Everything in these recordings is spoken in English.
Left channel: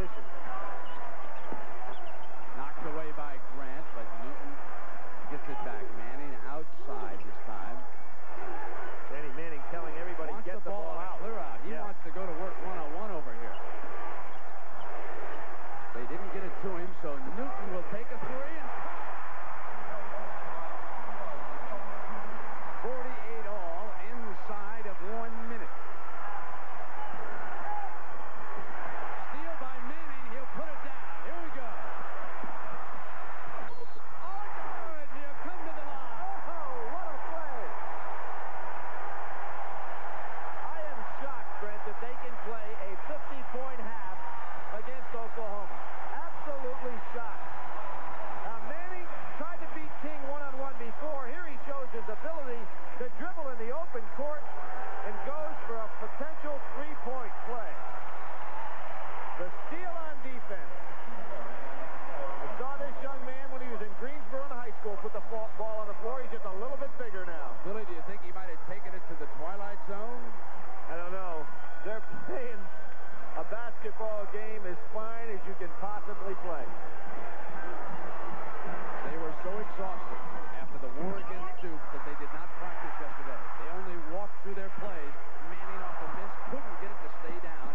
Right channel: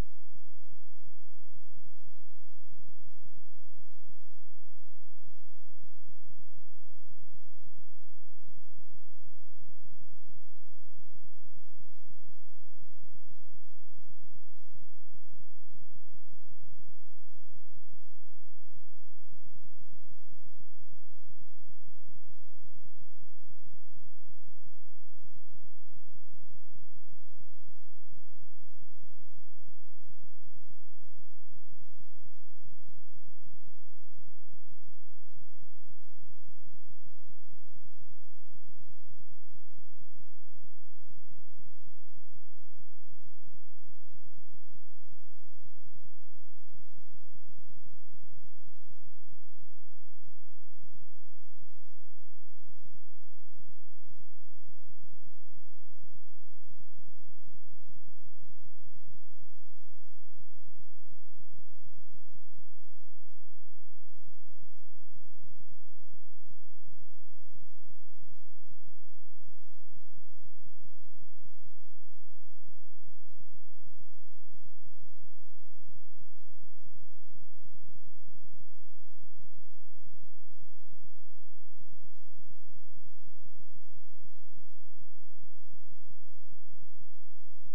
position. Knocked away by Grant, but Newton gets it back. Manning outside this time. Danny Manning telling everybody, Wants get the ball out. Clear out. He wants to go to work one-on-one over here. They didn't get it to him, so Newton will take a three and 48 all inside of 1 minute. Steal by Manning. He'll put it down. Here we go. Oh, good. He'll come to the line. Oh, what a play. I am shocked, Brent, that they can play a 50-point half against Oklahoma. Absolutely shocked. Now, Manning tried to beat King one-on-one before. Here he shows his ability to dribble in the open court and goes for a potential three-point play. The steal on defense. I saw this young man when he was in Greensboro in high school put the ball on the floor. He's just a little bit bigger now. Billy, do you think he might have taken it to the twilight zone? I don't know. They're playing a basketball game as fine as you can possibly play. They were so exhausted after the war against Duke that they did not practice yesterday. They only walked through their plays. Manning off the miss, couldn't get it to stay down.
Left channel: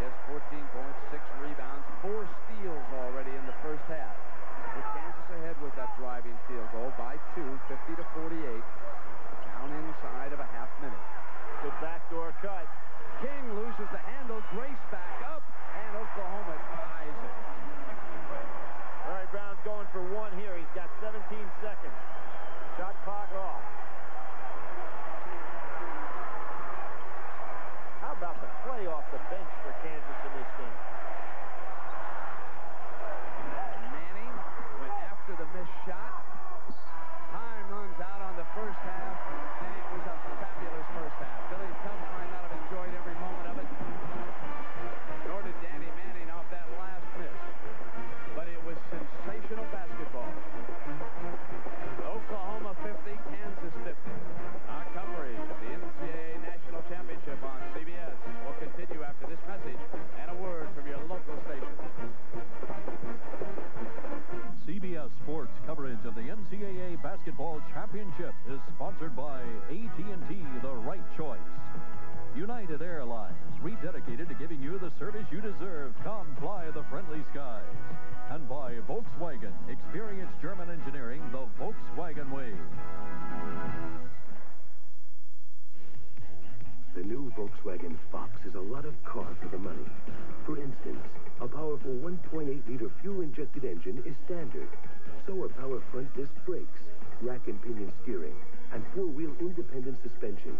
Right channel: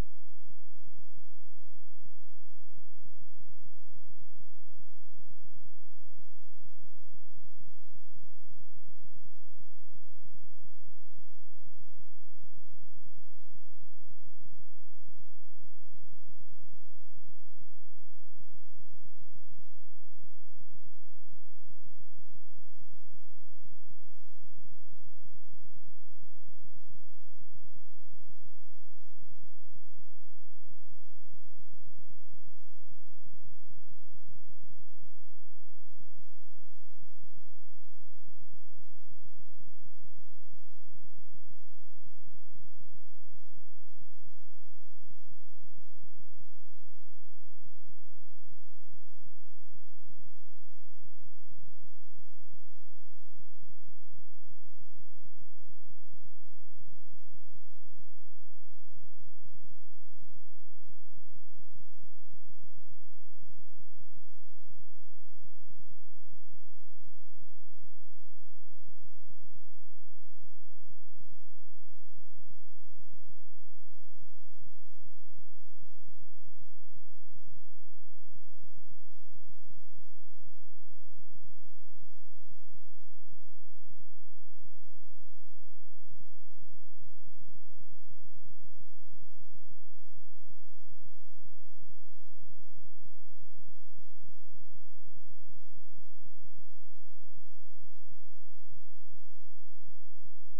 He has 14 points, 6 rebounds, 4 steals already in the first half. With Kansas ahead with that driving field goal by 2, 50-48. Down inside of a half minute. Good backdoor cut. King loses the handle. Grace back up, and Oklahoma ties it. All right, Brown's going for one here. He's got 17 seconds. Shot clock off. How about the play off the bench for Kansas in this game? Manning went after the missed shot. Time runs out on the first half, and it was a fabulous first half. Billy Tubbs might not have enjoyed every moment of it, nor did Danny Manning off that last miss. But it was sensational basketball. Oklahoma 50, Kansas 50. Our coverage of the NCAA National Championship on CBS will continue after this message and a word from your local station. CBS Sports coverage of the NCAA Basketball Championship is sponsored by AT&T, the right choice. United Airlines, rededicated to giving you the service you deserve. Come fly the friendly skies. And by Volkswagen, experience German engineering the Volkswagen way. The new Volkswagen Fox is a lot of car for the money. For instance, a powerful 1.8-liter fuel-injected engine is standard. So are power front disc brakes, rack and pinion steering, and four-wheel independent suspension.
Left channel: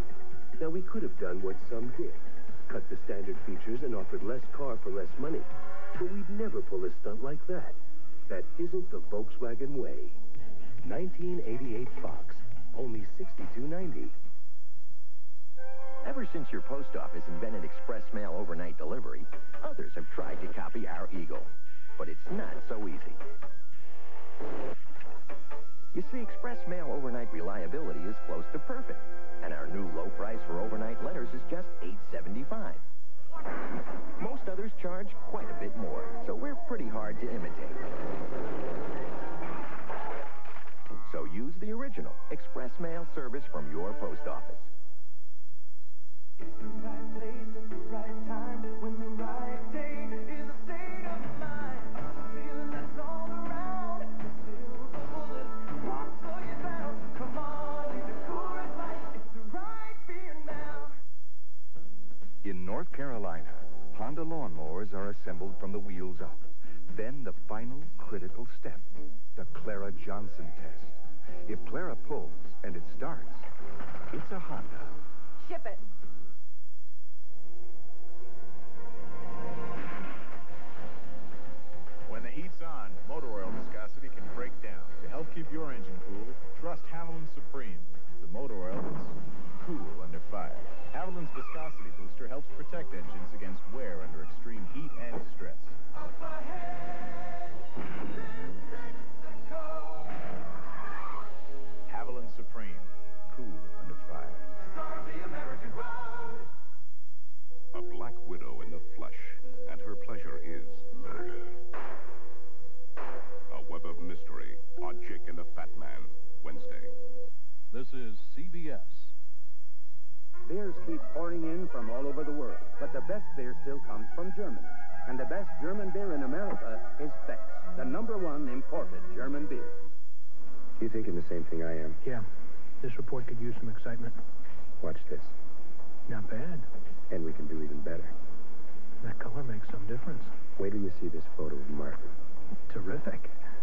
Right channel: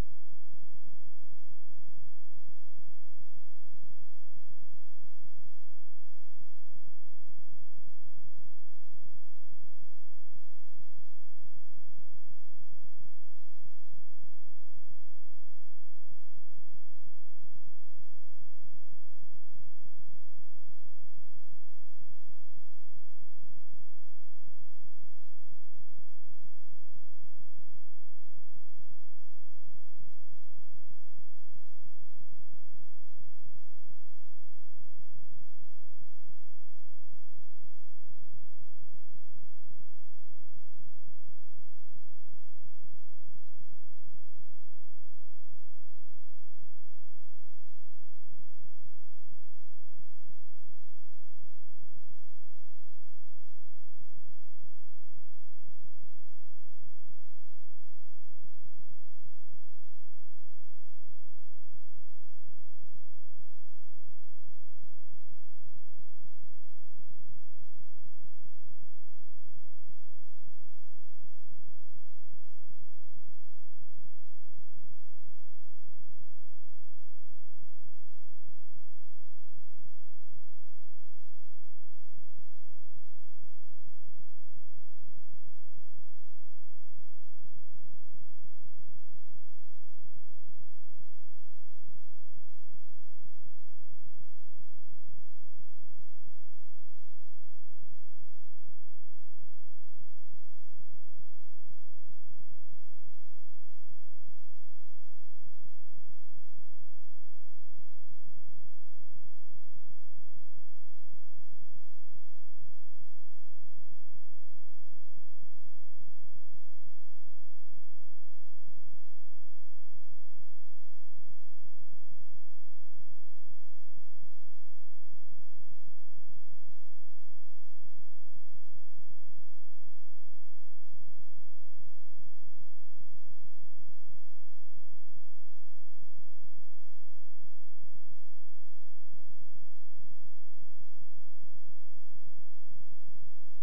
Now, we could have done what some did. Cut the standard features and offered less car for less money. But we'd never pull a stunt like that. That isn't the Volkswagen way. 1988 Fox, only $62.90. Ever since your post office invented express mail overnight delivery, others have tried to copy our Eagle. But it's not so easy. You see, express mail overnight reliability is close to perfect. And our new low price for overnight letters is just $8.75. Most others charge quite a bit more, so we're pretty hard to imitate. So use the original express mail service from your post office. It's the right place at the right time when the right day is a state of mind. A feeling that's all around. The silver bullet won't slow you down. Come on, leave it cool and light. It's the right fear now. In North Carolina, Honda lawnmowers are assembled from the wheels up. Then the final critical step, the Clara Johnson test. If Clara pulls and it starts, it's a Honda. Ship it. When the heat's on, motor oil viscosity can break down. To help keep your engine cool, trust Haviland Supreme, the motor oil that's cool under fire. Haviland's viscosity booster helps protect engines against wear under extreme heat and stress. Haviland Supreme, cool under fire. Start the American road. comes from Germany. And the best German beer in America is Beck's, the #1 imported German beer. You thinking the same thing I am? Yeah. This report could use some excitement. Watch this. Not bad. And we can do even better. That color makes some difference. Wait till you see this photo of Martin. Terrific.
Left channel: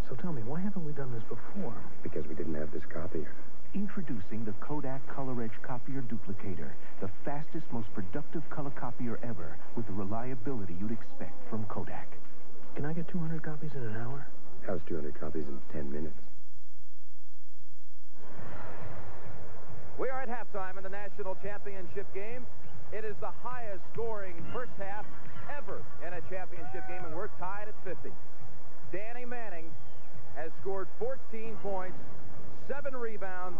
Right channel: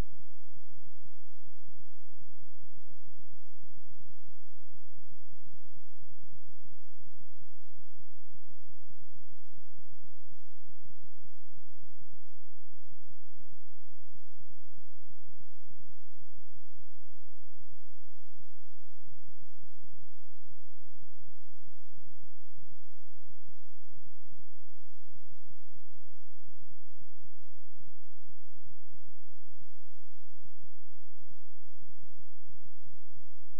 So tell me, why haven't we done this before? Because we didn't have this copier. Introducing the Kodak Color Edge Copier Duplicator, the fastest, most productive color copier ever, with the reliability you'd expect from Kodak. Can I get 200 copies in an hour? How's 200 copies in 10 minutes? We are at halftime in the national championship game. It is the highest scoring first half ever in a championship game, and we're tied at 50. Danny Manning has scored 14 points, 7 rebounds,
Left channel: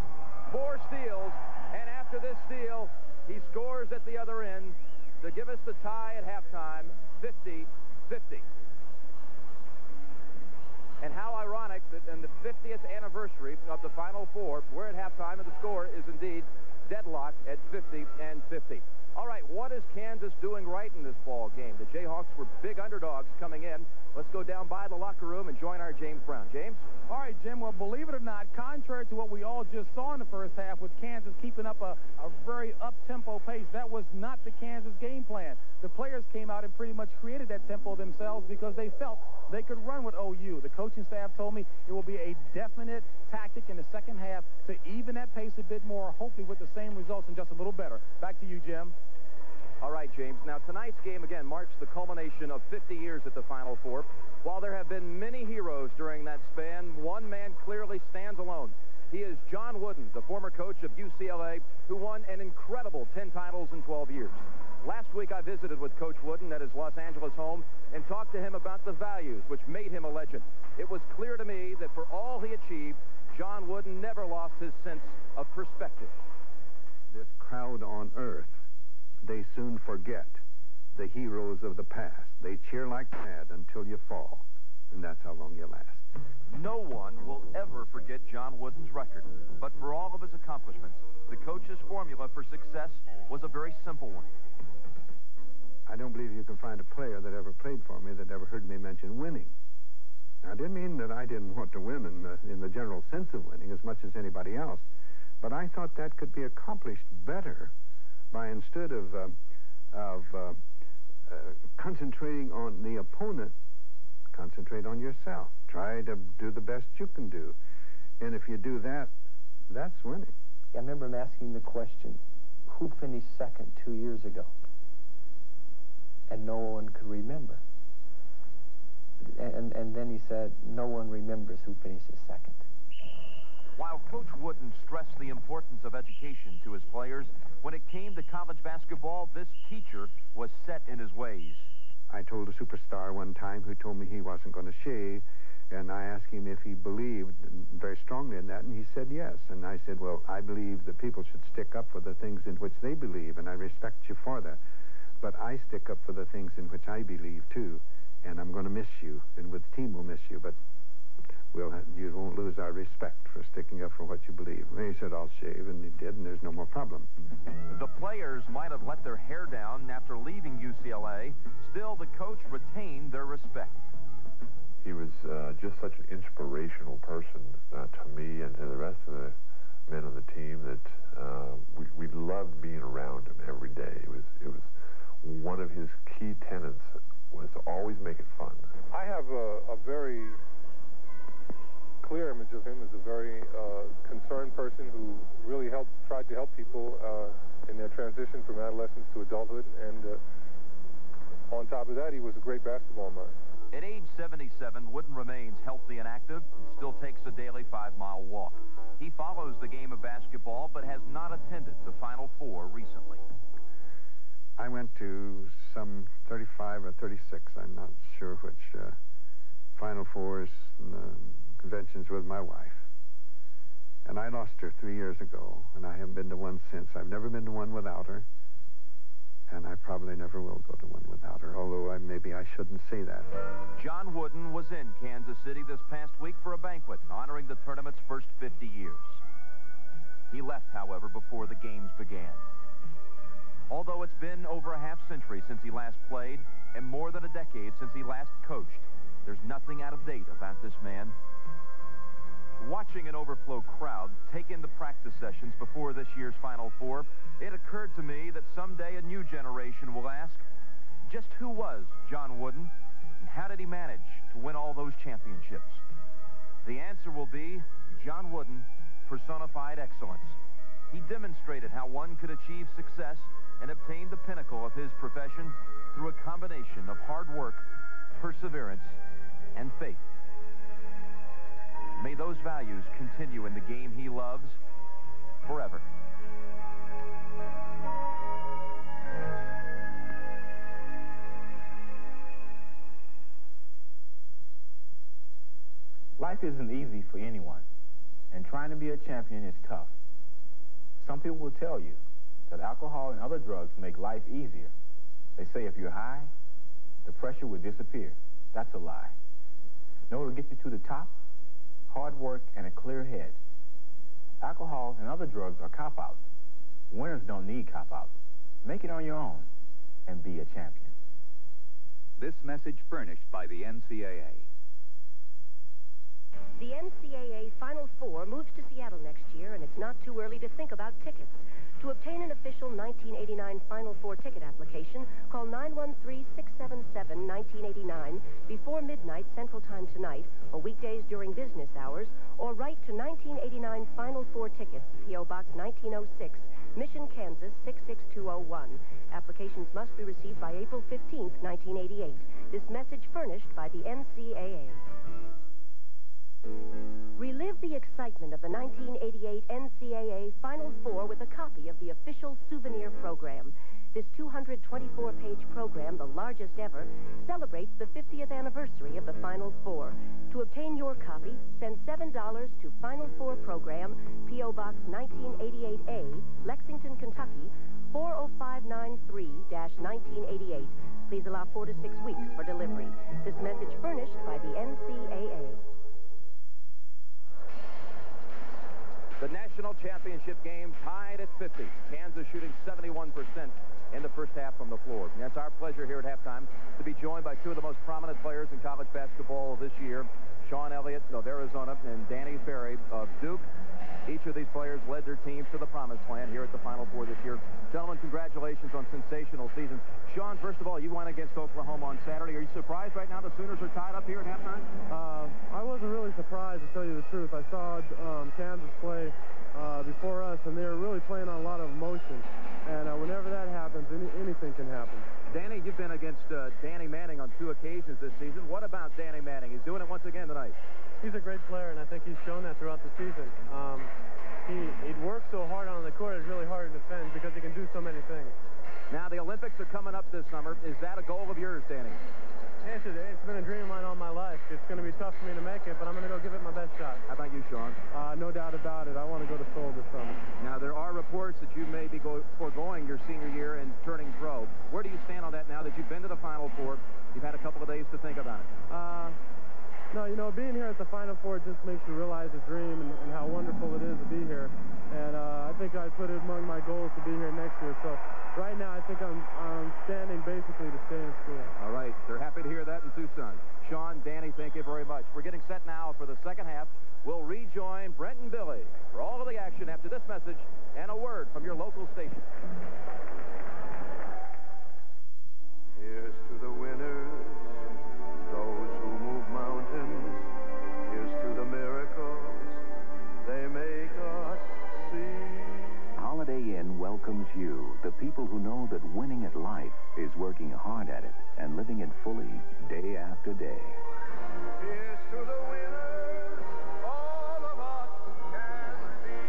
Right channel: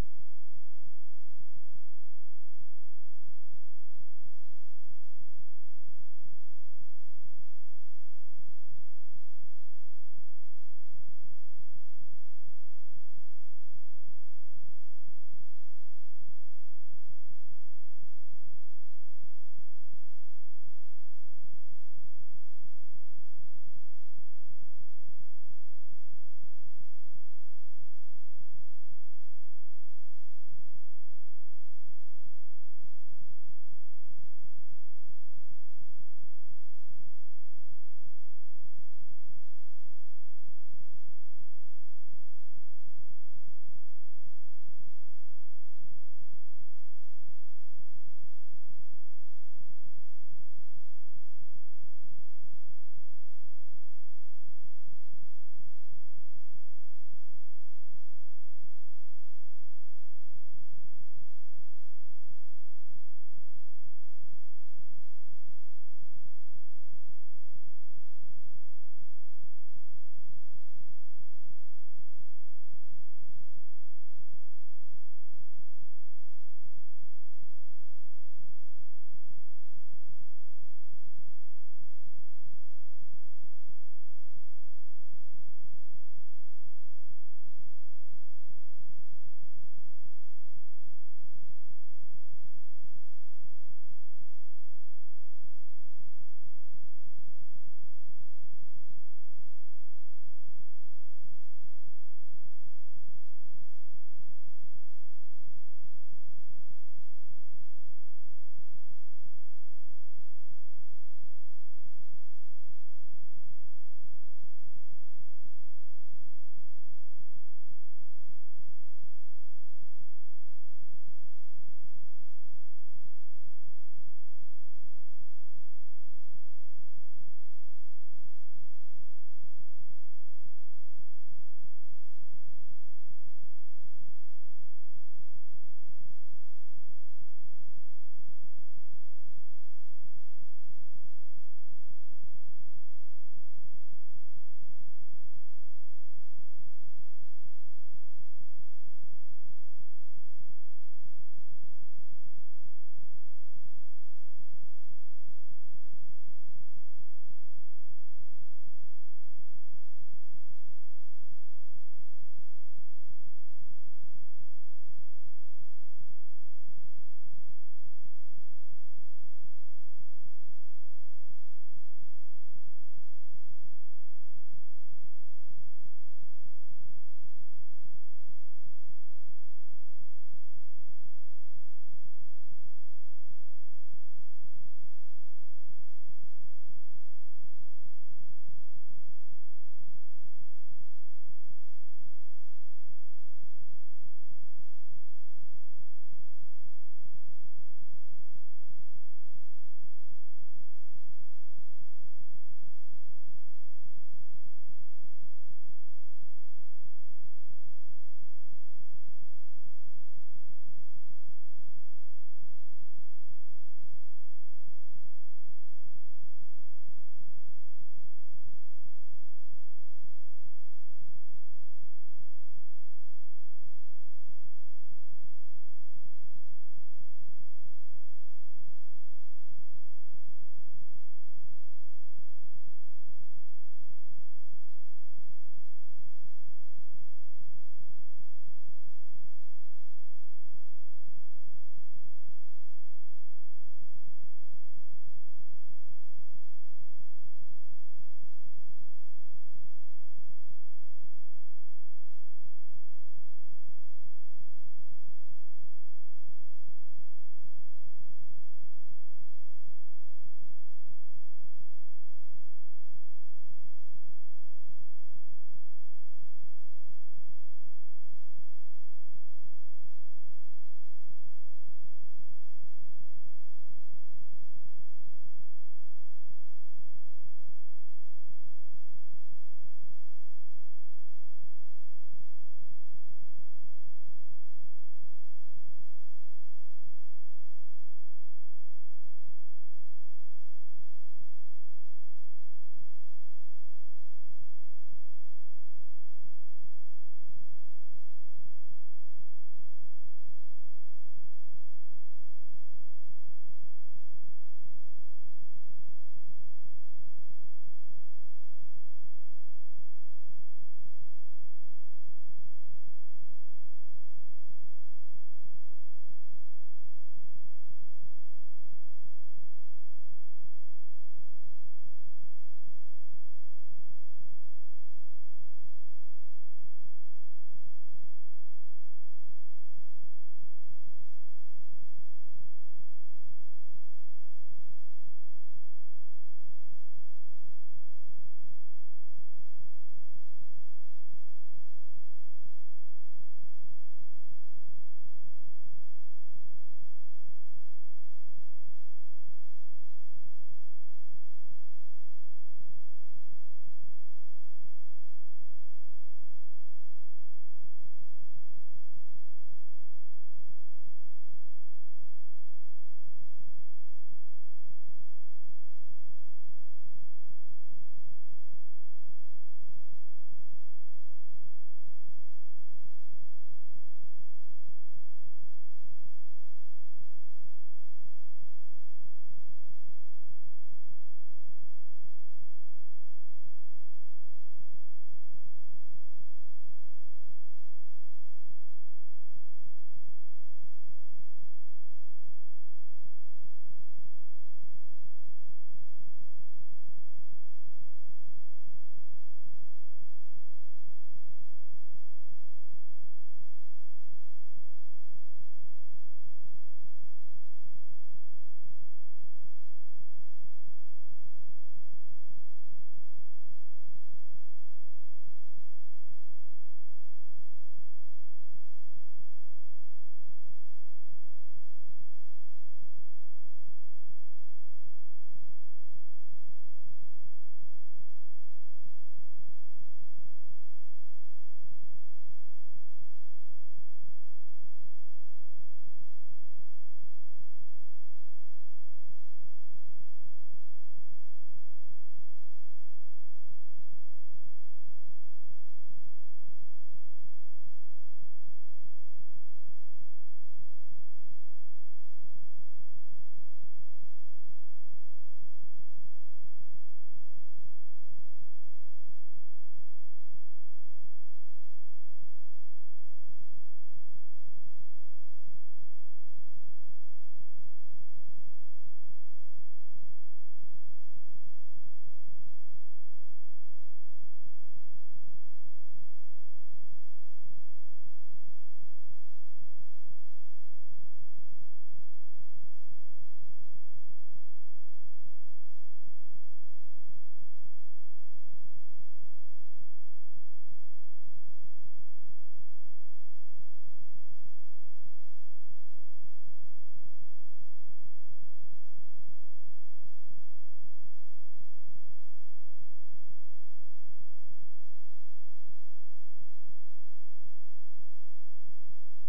4 steals, and after this steal, he scores at the other end to give us the tie at halftime, 50-50. And how ironic that in the 50th anniversary of the Final Four, we're at halftime, and the score is indeed deadlocked at 50-50. All right, what is Kansas doing right in this ball game? The Jayhawks were big underdogs coming in. Let's go down by the locker room and join our James Brown. James? All right, Jim, well, believe it or not, contrary to what we all just saw in the first half with Kansas keeping up a very up-tempo pace, that was not the Kansas game plan. The players came out and pretty much created that tempo themselves because they felt they could run with OU. The coaching staff told me it will be a definite tactic in the second half to even that pace a bit more, hopefully with the same results and just a little better. Back to you, Jim. All right, James. Now, tonight's game, again, marks the culmination of 50 years at the Final Four. While there have been many heroes during that span, one man clearly stands alone. He is John Wooden, the former coach of UCLA, who won an incredible 10 titles in 12 years. Last week, I visited with Coach Wooden at his Los Angeles home and talked to him about the values which made him a legend. It was clear to me that for all he achieved, John Wooden never lost his sense of perspective. This crowd on earth, they soon forget the heroes of the past. They cheer like mad until you fall, and that's how long you last. No one will ever forget John Wooden's record, but for all of his accomplishments, the coach's formula for success was a very simple one. I don't believe you can find a player that ever played for me that ever heard me mention winning. Now, I didn't mean that I didn't want to win in the general sense of winning as much as anybody else, but I thought that could be accomplished better by instead of concentrating on the opponent, concentrate on yourself. Try to do the best you can do. And if you do that, that's winning. I remember him asking the question, who finished second 2 years ago? And no one could remember. And then he said, no one remembers who finishes second. While Coach Wooden stressed the importance of education to his players, when it came to college basketball, this teacher was set in his ways. I told a superstar one time who told me he wasn't going to shave, and I asked him if he believed very strongly in that, and he said yes. And I said, well, I believe that people should stick up for the things in which they believe, and I respect you for that. But I stick up for the things in which I believe, too, and I'm going to miss you, and the team will miss you, but you won't lose our respect for sticking up for what you believe. And he said, I'll shave, and he did, and there's no more problem. The players might have let their hair down after leaving UCLA. Still, the coach retained their respect. He was just such an inspirational person to me and to the rest of the men on the team that we loved being around him every day. It was one of his key tenets was to always make it fun. I have a very clear image of him as a very concerned person who really tried to help people in their transition from adolescence to adulthood, and on top of that, he was a great basketball mind. At age 77, Wooden remains healthy and active, still takes a daily 5-mile walk. He follows the game of basketball, but has not attended the Final Four recently. I went to some 35 or 36, I'm not sure which, Final Fours and conventions with my wife. And I lost her 3 years ago, and I haven't been to one since. I've never been to one without her, and I probably never will go to one without her, although maybe I shouldn't say that. John Wooden was in Kansas City this past week for a banquet honoring the tournament's first 50 years. He left, however, before the games began. Although it's been over a half-century since he last played and more than a decade since he last coached, there's nothing out of date about this man. Watching an overflow crowd take in the practice sessions before this year's Final Four, it occurred to me that someday a new generation will ask, just who was John Wooden, and how did he manage to win all those championships? The answer will be John Wooden personified excellence. He demonstrated how one could achieve success and obtain the pinnacle of his profession through a combination of hard work, perseverance, and faith. May those values continue in the game he loves forever. Life isn't easy for anyone, and trying to be a champion is tough. Some people will tell you that alcohol and other drugs make life easier. They say if you're high, the pressure will disappear. That's a lie. Know what will get you to the top? Hard work and a clear head. Alcohol and other drugs are cop-outs. Winners don't need cop-outs. Make it on your own and be a champion. This message furnished by the NCAA. The NCAA Final Four moves to Seattle next year, and it's not too early to think about tickets. To obtain an official 1989 Final Four ticket application, call 913-677-1989 before midnight Central Time tonight, or weekdays during business hours, or write to 1989 Final Four Tickets, P.O. Box 1906, Mission, Kansas 66201. Applications must be received by April 15, 1988. This message furnished by the NCAA. Relive the excitement of the 1988 NCAA Final Four with a copy of the official souvenir program. This 224-page program, the largest ever, celebrates the 50th anniversary of the Final Four. To obtain your copy, send $7 to Final Four Program, P.O. Box 1988A, Lexington, Kentucky, 40593-1988. Please allow 4 to 6 weeks for delivery. This message furnished by the NCAA. The national championship game tied at 50. Kansas shooting 71% in the first half from the floor. And it's our pleasure here at halftime to be joined by two of the most prominent players in college basketball this year, Sean Elliott of Arizona and Danny Ferry of Duke. Each of these players led their teams to the promised land here at the Final Four this year. Gentlemen, congratulations on sensational season. Sean, first of all, you won against Oklahoma on Saturday. Are you surprised right now the Sooners are tied up here at halftime? I wasn't really surprised, to tell you the truth. I saw Kansas play before us, and they were really playing on a lot of emotion. And whenever that happens, anything can happen. Danny, you've been against Danny Manning on 2 occasions this season. What about Danny Manning? He's doing it once again tonight. He's a great player, and I think he's shown that throughout the season. He works so hard on the court, it's really hard to defend because he can do so many things. Now, the Olympics are coming up this summer. Is that a goal of yours, Danny? Yes, it's been a dream of mine all my life. It's going to be tough for me to make it, but I'm going to go give it my best shot. How about you, Sean? No doubt about it. I want to go to Seoul this summer. Now, there are reports that you may be foregoing your senior year and turning pro. Where do you stand on that now that you've been to the Final Four? You've had a couple of days to think about it. No, being here at the Final Four just makes you realize the dream and how wonderful it is to be here. And I think I put it among my goals to be here next year. So right now, I think I'm standing basically to stay in school. All right. They're happy to hear that in Tucson. Sean, Danny, thank you very much. We're getting set now for the second half. We'll rejoin Brent and Billy for all of the action after this message and a word from your local station. Here's to the winners, those who move mountains. Here's to the miracles they make us see. Holiday Inn welcomes you, the people who know that winning at life is working hard at it and living it fully day after day. Here's to the winners, all of us can be.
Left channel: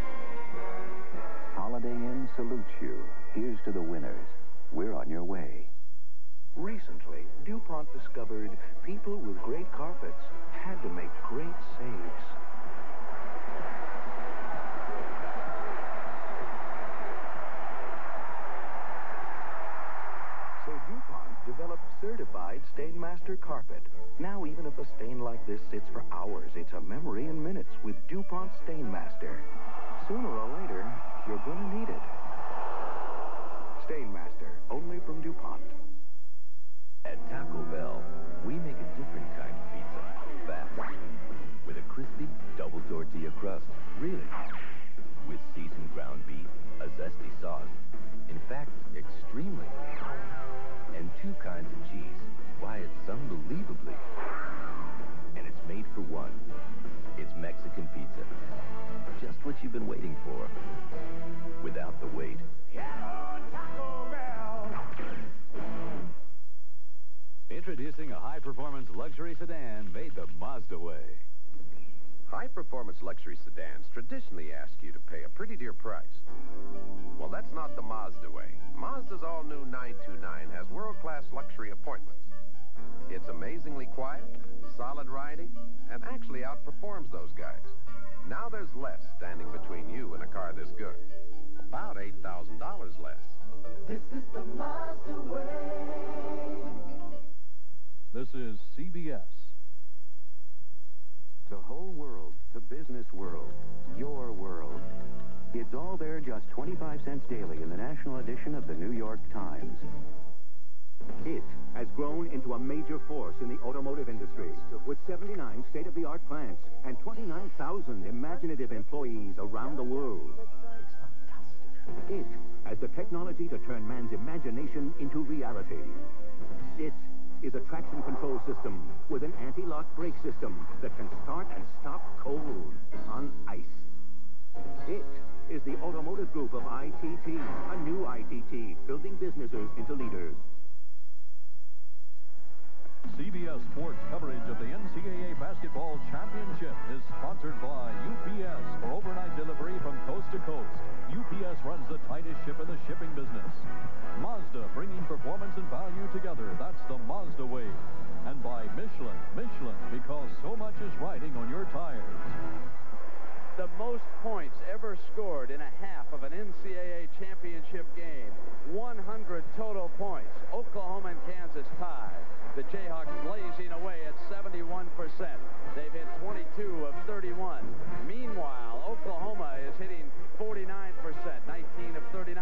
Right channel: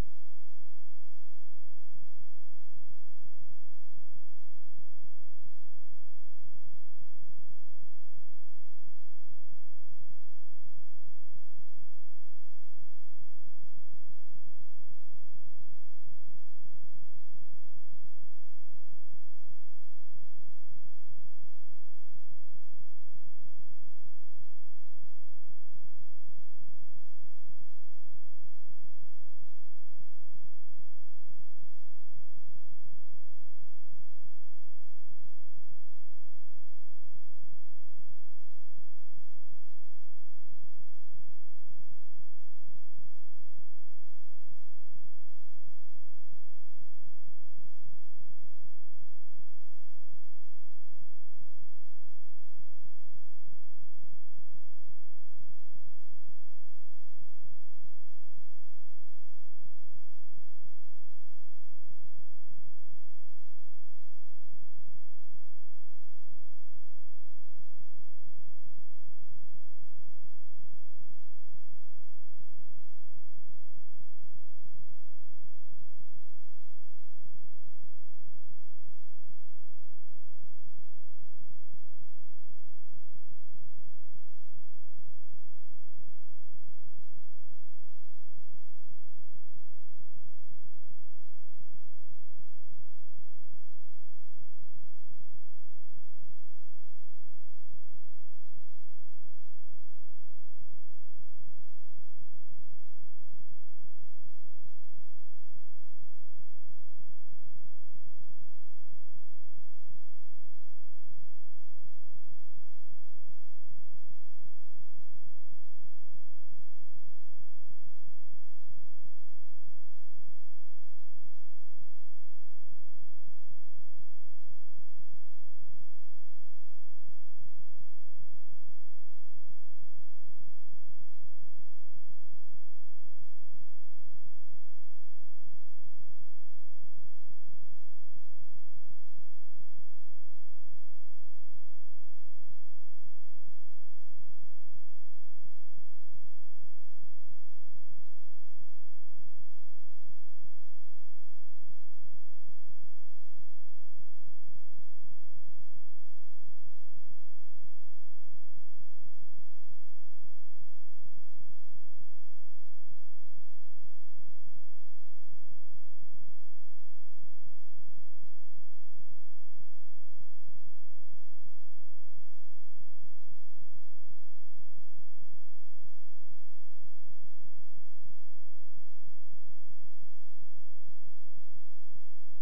Holiday Inn salutes you. Here's to the winners. We're on your way. Recently, DuPont discovered people with great carpets had to make great saves. So DuPont developed certified Stainmaster carpet. Now even if a stain like this sits for hours, it's a memory in minutes with DuPont Stainmaster. Sooner or later, you're gonna need it. Stainmaster. Introducing a high-performance luxury sedan made the Mazda way. High-performance luxury sedans traditionally ask you to pay a pretty dear price. Well, that's not the Mazda way. Mazda's all-new 929 has world-class luxury appointments. It's amazingly quiet, solid riding, and actually outperforms those guys. Now there's less standing between you and a car this good. About $8,000 less. This is the Mazda way. This is CBS. The whole world, the business world, your world. It's all there just 25 cents daily in the national edition of the New York Times. It has grown into a major force in the automotive industry with 79 state-of-the-art plants and 29,000 imaginative employees around the world. It has the technology to turn man's imagination into reality. It is a traction control system with an anti-lock brake system that can start and stop cold on ice. It is the automotive group of ITT, a new ITT, building businesses into leaders. CBS Sports coverage of the NCAA Basketball Championship is sponsored by UPS for overnight delivery from coast to coast. UPS runs the tightest ship in the shipping business. Mazda, bringing performance and value together. That's the Mazda way. And by Michelin. Michelin, because so much is riding on your tires. The most points ever scored in a half of an NCAA championship game. 100 total points. Oklahoma and Kansas tied. The Jayhawks blazing away at 71%. They've hit 22 of 31. Meanwhile, Oklahoma is hitting 49%, 19 of 39.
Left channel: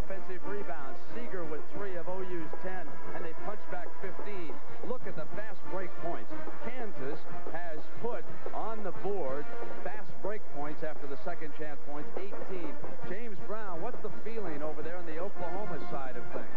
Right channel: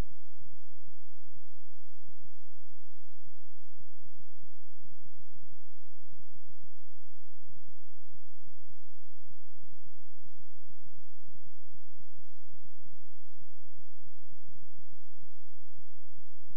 Offensive rebounds. Seeger with 3 of OU's 10, and they punch back 15. Look at the fast break points. Kansas has put on the board fast break points after the second chance points, 18. James Brown, what's the feeling over there on the Oklahoma side of things?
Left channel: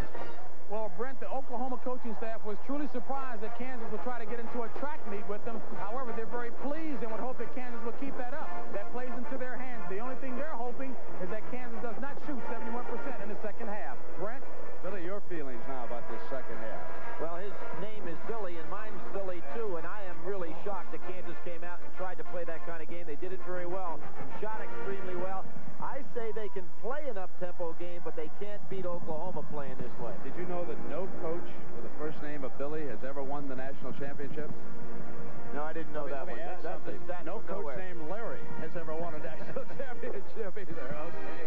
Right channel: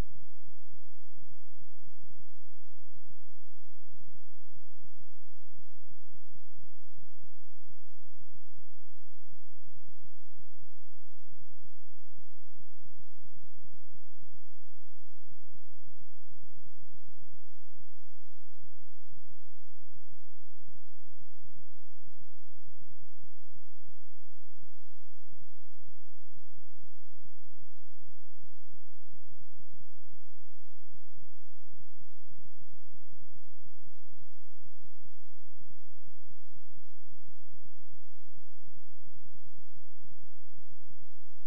Well, Brent, the Oklahoma coaching staff was truly surprised that Kansas would try to get into a track meet with them. However, they're very pleased and would hope that Kansas will keep that up. That plays into their hands. The only thing they're hoping is that Kansas does not shoot 71% in the second half. Brent? Billy, your feelings now about this second half. Well, his name is Billy, and mine's Billy, too, and I am really shocked that Kansas came out and tried to play that kind of game. They did it very well, shot extremely well. I say they can play an up-tempo game, but they can't beat Oklahoma playing this way. Did you know that no coach with the first name of Billy has ever won the national championship? No, I didn't know that one. That's a stat no from coach nowhere. named Larry has ever won a national championship either. Okay.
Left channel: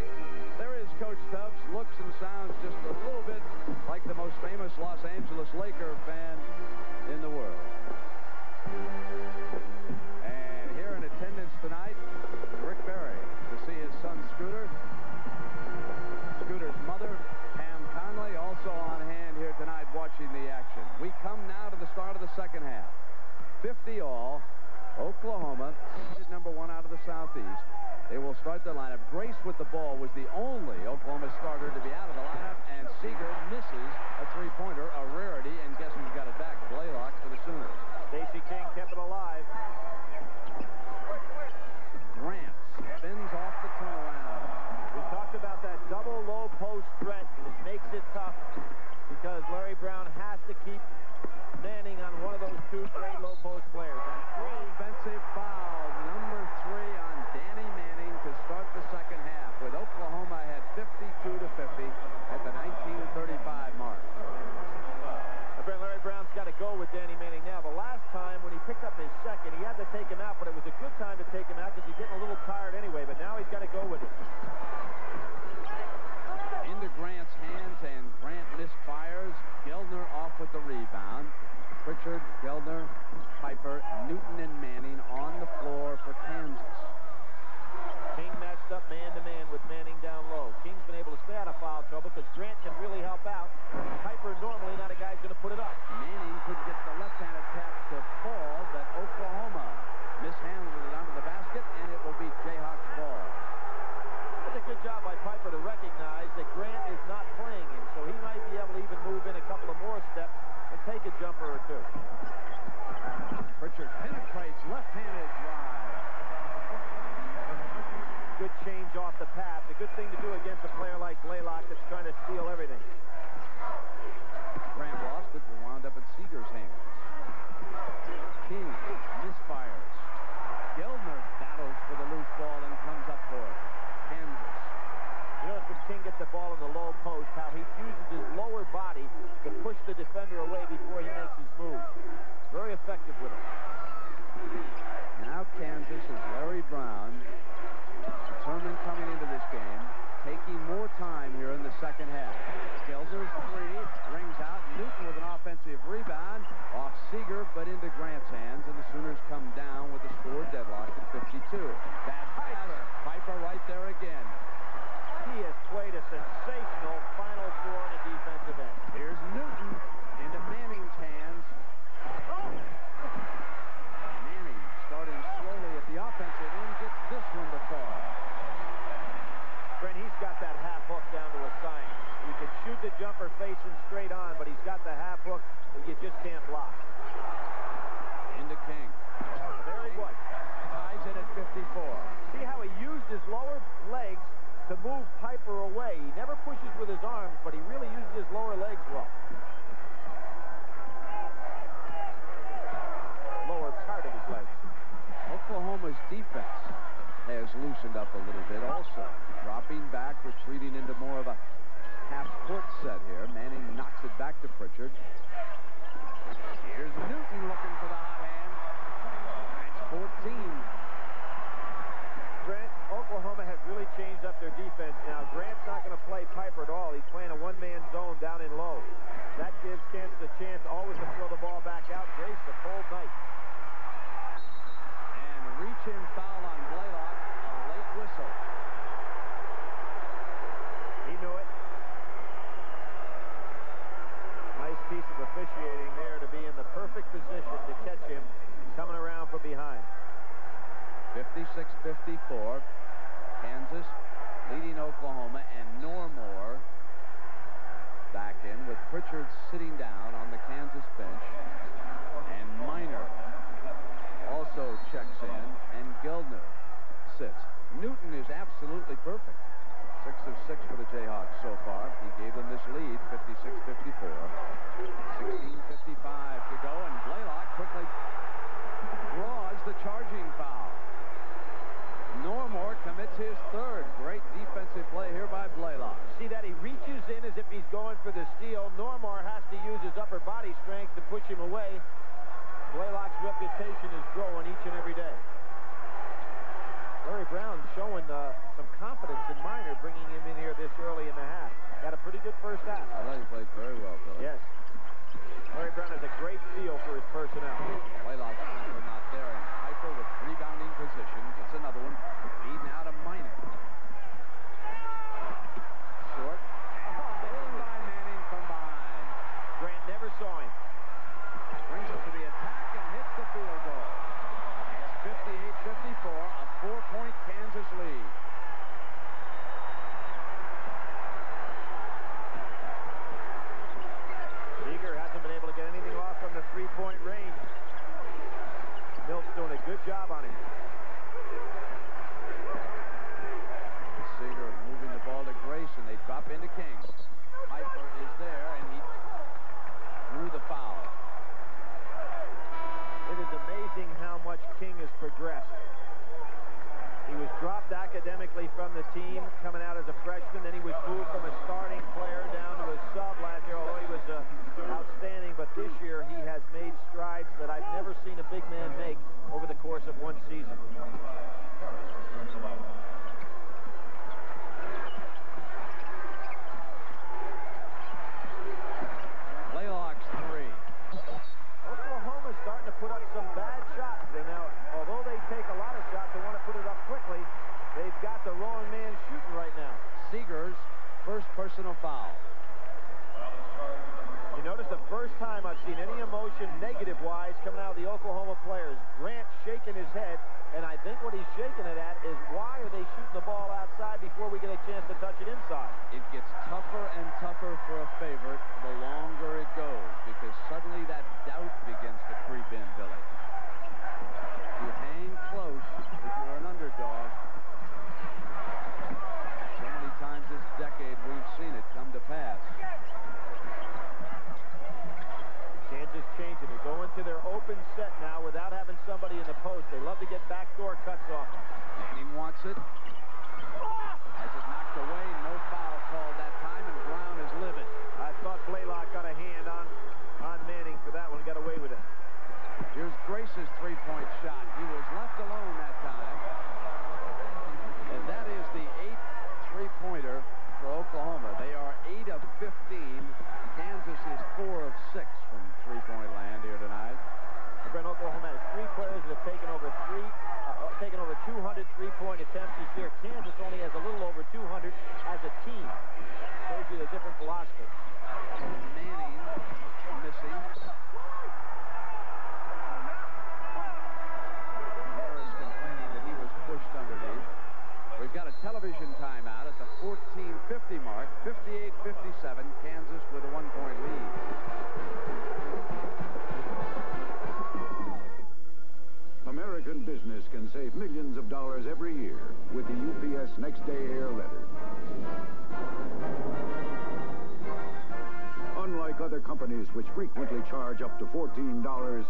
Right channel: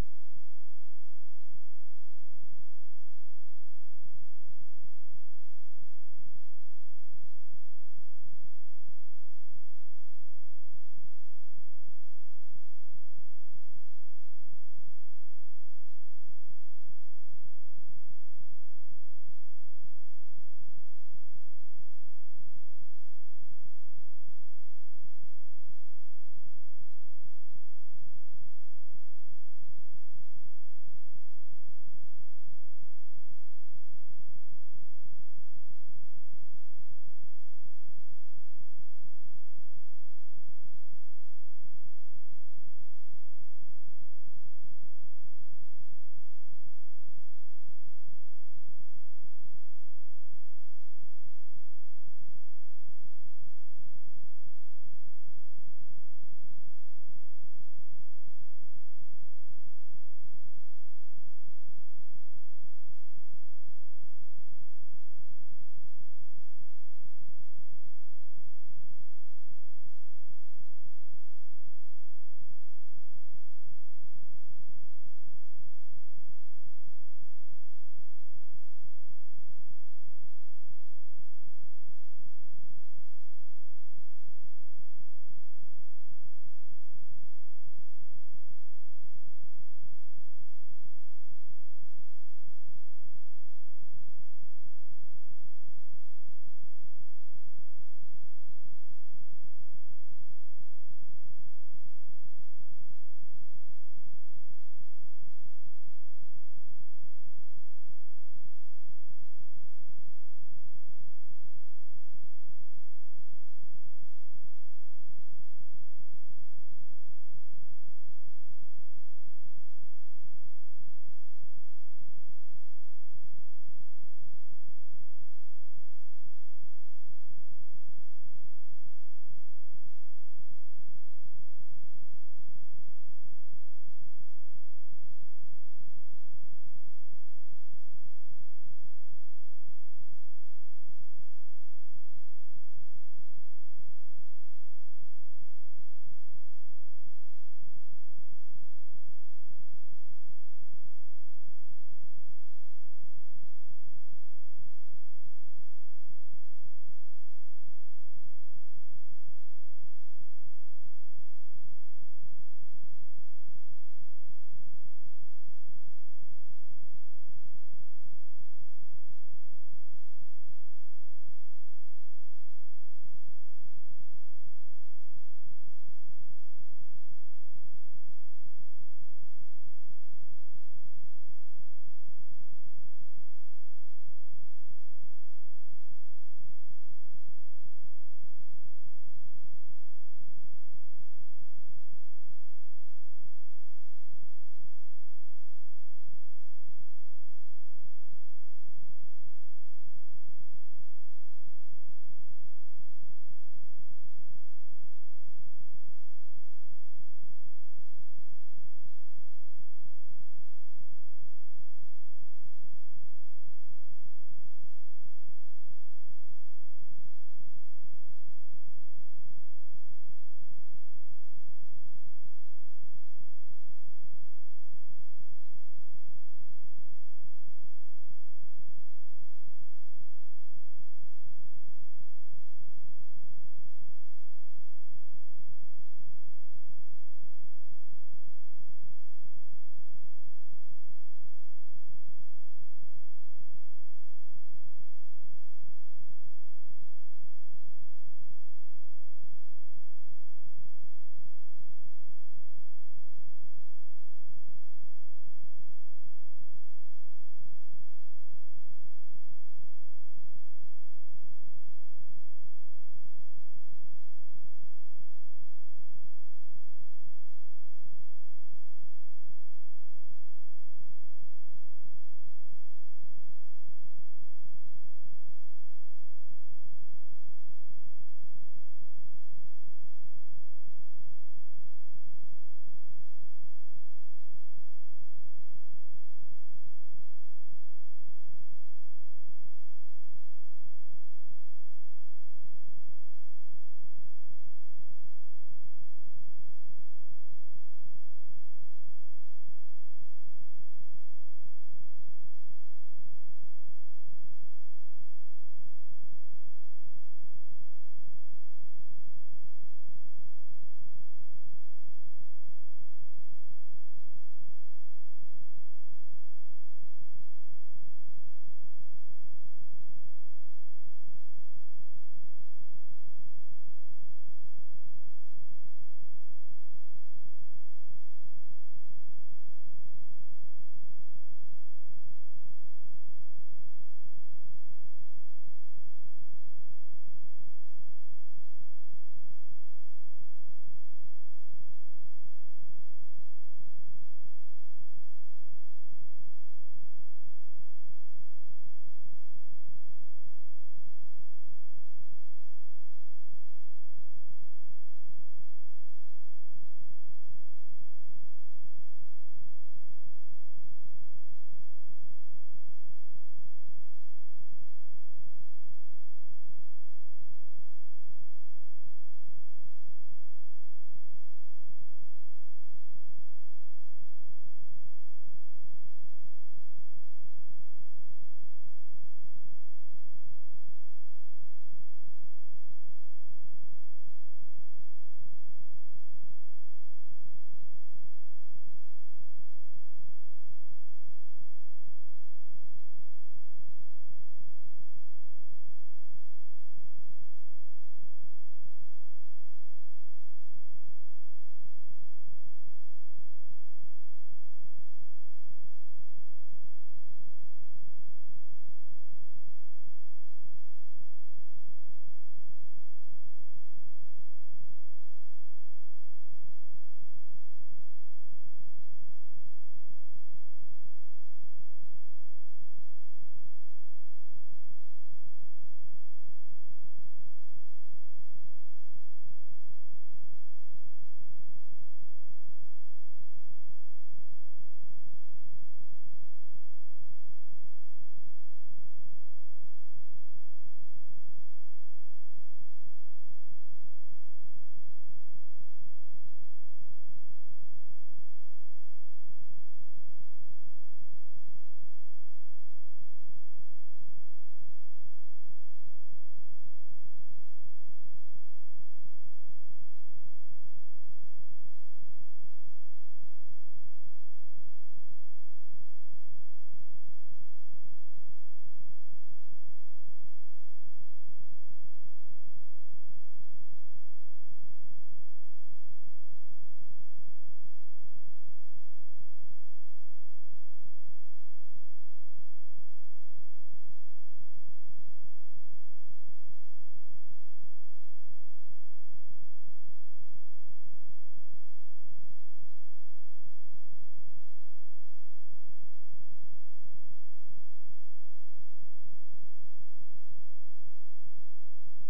There is Coach Tubbs. Looks and sounds just a little bit like the most famous Los Angeles Laker fan in the world. And here in attendance tonight, Rick Barry to see his son Scooter. Scooter's mother, Pam Conley, also on hand here tonight watching the action. We come now to the start of the second half. 50 all. Oklahoma, number 1 out of the Southeast. They will start their lineup. Grace with the ball was the only Oklahoma starter to be out of the lineup, and Seeger misses a three-pointer, a rarity, and guess who's got it back? Blaylock for the Sooners. Stacey King kept it alive. Grant spins off the turnaround. We talked about that double low post threat, and it makes it tough because Larry Brown has to keep Manning on one of those two great low post players. Offensive foul, number 3 on Danny Manning to start the second half, with Oklahoma had 52 to 50 at the 19:35 mark. Larry Brown's got to go with Danny Manning now. The last time when he picked up his second, he had to take him out, but it was a good time to take him out because he's getting a little tired anyway, but now he's got to go with it. Into Grant's hands, and Grant misfires. Geldner off with the rebound. Pritchard, Geldner, Piper, Newton, and Manning on the floor for Kansas. King matched up man-to-man with Manning down low. King's been able to stay out of foul trouble because Grant can really help out. Piper normally not a guy who's going to put it up. Manning could get the left-handed tap to fall, but Oklahoma mishandled it onto the basket, and it will be Jayhawks ball. That's a good job by Piper to recognize that Grant is not playing him, so he might be able to even move in a couple of more steps and take a jumper or two. Pritchard penetrates left-handed drive. Good change off the pass. A good thing to do against a player like Blaylock that's trying to steal everything. Grant lost it, but wound up in Seeger's hands. King misfires. Gildner battles for the loose ball and comes up for it. Kansas. You notice when King gets the ball in the low post, how he uses his lower body to push the defender away before he makes his move. Very effective with it. Now Kansas is Larry Brown, determined coming into this game, taking more time here in the second half. Gildner's three, rings out. Newton with an offensive rebound, off Seeger, but into Grant's hands, and the Sooners come down with the score deadlocked at 52. Bad pass. Piper right there again. He has played a sensational Final Four in a defensive end. Here's Newton into Manning's hands. Manning starting slowly at the offensive end, gets this one to fall. Brent, he's got that half hook down to a science. You can shoot the jumper facing straight on, but he's got the half hook that you just can't block. Into King. There he was. Ties it at 54. See how he used his lower legs to move Piper away. He never pushes with his arms, but he really uses his lower legs well. Lower part of his legs. Oklahoma's defense has loosened up a little bit also. Dropping back, retreating into more of a half-court set here. Manning knocks it back to Pritchard. Here's Newton looking for the hot hand. That's 14. Grant, Oklahoma has really changed up their defense now. Grant's not going to play Piper at all. He's playing a one-man zone down in low. That gives Kansas a chance always to throw the ball back out. Grace the cold night. And reach-in foul on Blaylock. A late whistle. He knew it. Nice piece of officiating there to be in the perfect position to catch him coming around from behind. 56-54. Kansas leading Oklahoma, and Normore back in with Pritchard sitting down on the Kansas bench. And Minor also checks in, and Gildner sits. Newton is absolutely perfect. 6 of 6 for the Jayhawks so far. He gave them this lead, 56-54. 16:55 to go, and Blaylock quickly draws the charging foul. Normore commits his third. Great defensive play here by Blaylock. See that? He reaches in as if he's going for the steal. Normore has to use his upper body strength to push him away. Blaylock's reputation is growing each and every day. Larry Brown showing some confidence in Minor, bringing him in here this early in the half. Had a pretty good first half. I thought he played very well, Bill. Yes. Larry Brown has a great feel for his personnel. Blaylock's not there, and Piper with rebounding position. Gets another one. Feed now to Minor. Short. Stolen by Manning from behind. Grant never saw him. Brings it to the attack and hits the field goal. It's 58-54, a 4-point Kansas lead. Seeger hasn't been able to get anything off from the three-point range. Milt's doing a good job on him. Seeger moving the ball to Grace, and they drop into King. Piper is there, and he drew the foul. It is amazing how much King has progressed. He was dropped academically from the team coming out as a freshman. Then he was moved from a starting player down to a sub last year, although he was outstanding. But this year he has made strides that I've never seen a big man make over the course of one season. Blaylock's three. Oklahoma's starting to put up some bad shots. And now, although they take a lot of shots, they want to put it up quickly. They've got the wrong man shooting right now. Seeger's first personal foul. You notice the first time I've seen any emotion negative-wise coming out of the Oklahoma players. Grant shaking his head, and I think what he's shaking it at is why are they shooting the ball outside before we get a chance to touch it inside? It gets tougher and tougher for a favorite the longer it goes, because suddenly that doubt begins to creep in, Billy. You hang close if you're an underdog. So many times this decade we've seen it come to pass. cuts off. Manning wants it. Has it knocked away. No foul called that time, and Brown is livid. I thought Blaylock got a hand on Manning for that one. Got away with it. Here's Grace's three-point shot. He was left alone that time. And that is the 8th three-pointer for Oklahoma. They are 8 of 15. Kansas is 4 of 6 from three-point land here tonight. Brent, Oklahoma has 3 players that have taken over 200 three-point attempts this year. Kansas only has a little over 200 as a team. Shows you the different philosophy. Manning missing. Harris complaining that he was pushed underneath. We've got a television timeout at the 14:50 mark. 58-57. Kansas with a 1-point lead. American business can save millions of dollars every year with the UPS Next Day Air Letter. Unlike other companies which frequently charge up to $14,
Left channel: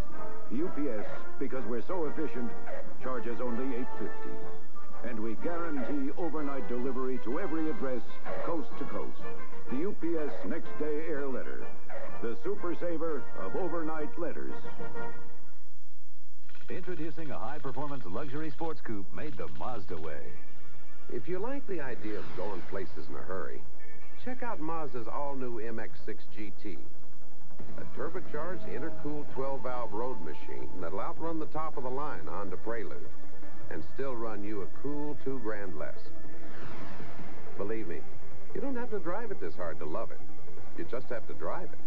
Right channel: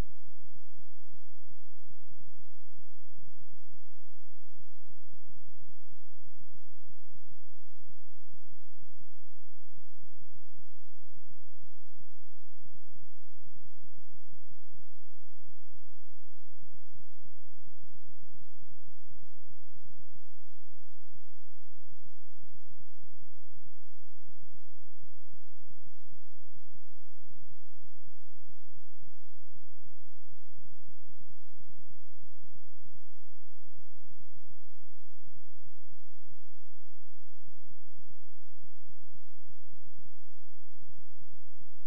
UPS, because we're so efficient, charges only $8.50. And we guarantee overnight delivery to every address, coast to coast. The UPS Next Day Air Letter, the super saver of overnight letters. Introducing a high-performance luxury sports coupe made the Mazda way. If you like the idea of going places in a hurry, check out Mazda's all-new MX-6 GT. A turbocharged, intercooled 12-valve road machine that'll outrun the top-of-the-line Honda Prelude and still run you a cool $2,000 less. Believe me, you don't have to drive it this hard to love it. You just have to drive it.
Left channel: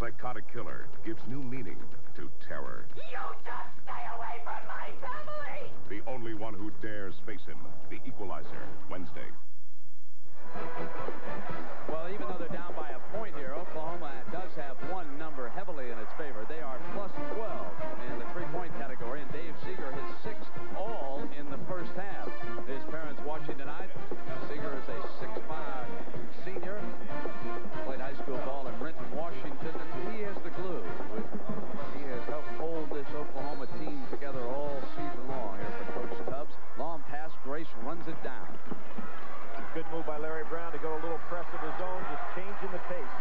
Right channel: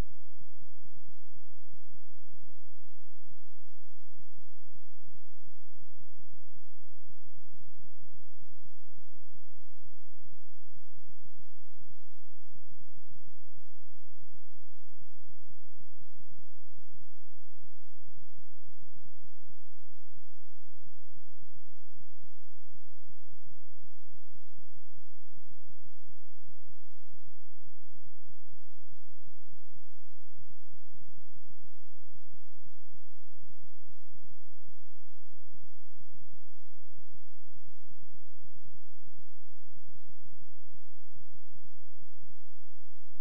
Psychotic killer gives new meaning to terror. You just stay away from my family! The only one who dares face him, the Equalizer, Wednesday. Well, even though they're down by a point here, Oklahoma does have one number heavily in its favor. They are plus 12 in the three-point category, and Dave Seeger his 6th all in the first half. His parents watching tonight. Seeger is a 6'5" senior. Played high school ball in Renton, Washington, and he is the glue. He has helped hold this Oklahoma team together all season long here for Coach Tubbs. Long pass, Grace runs it down. Good move by Larry Brown to go a little press of his own, just changing the pace.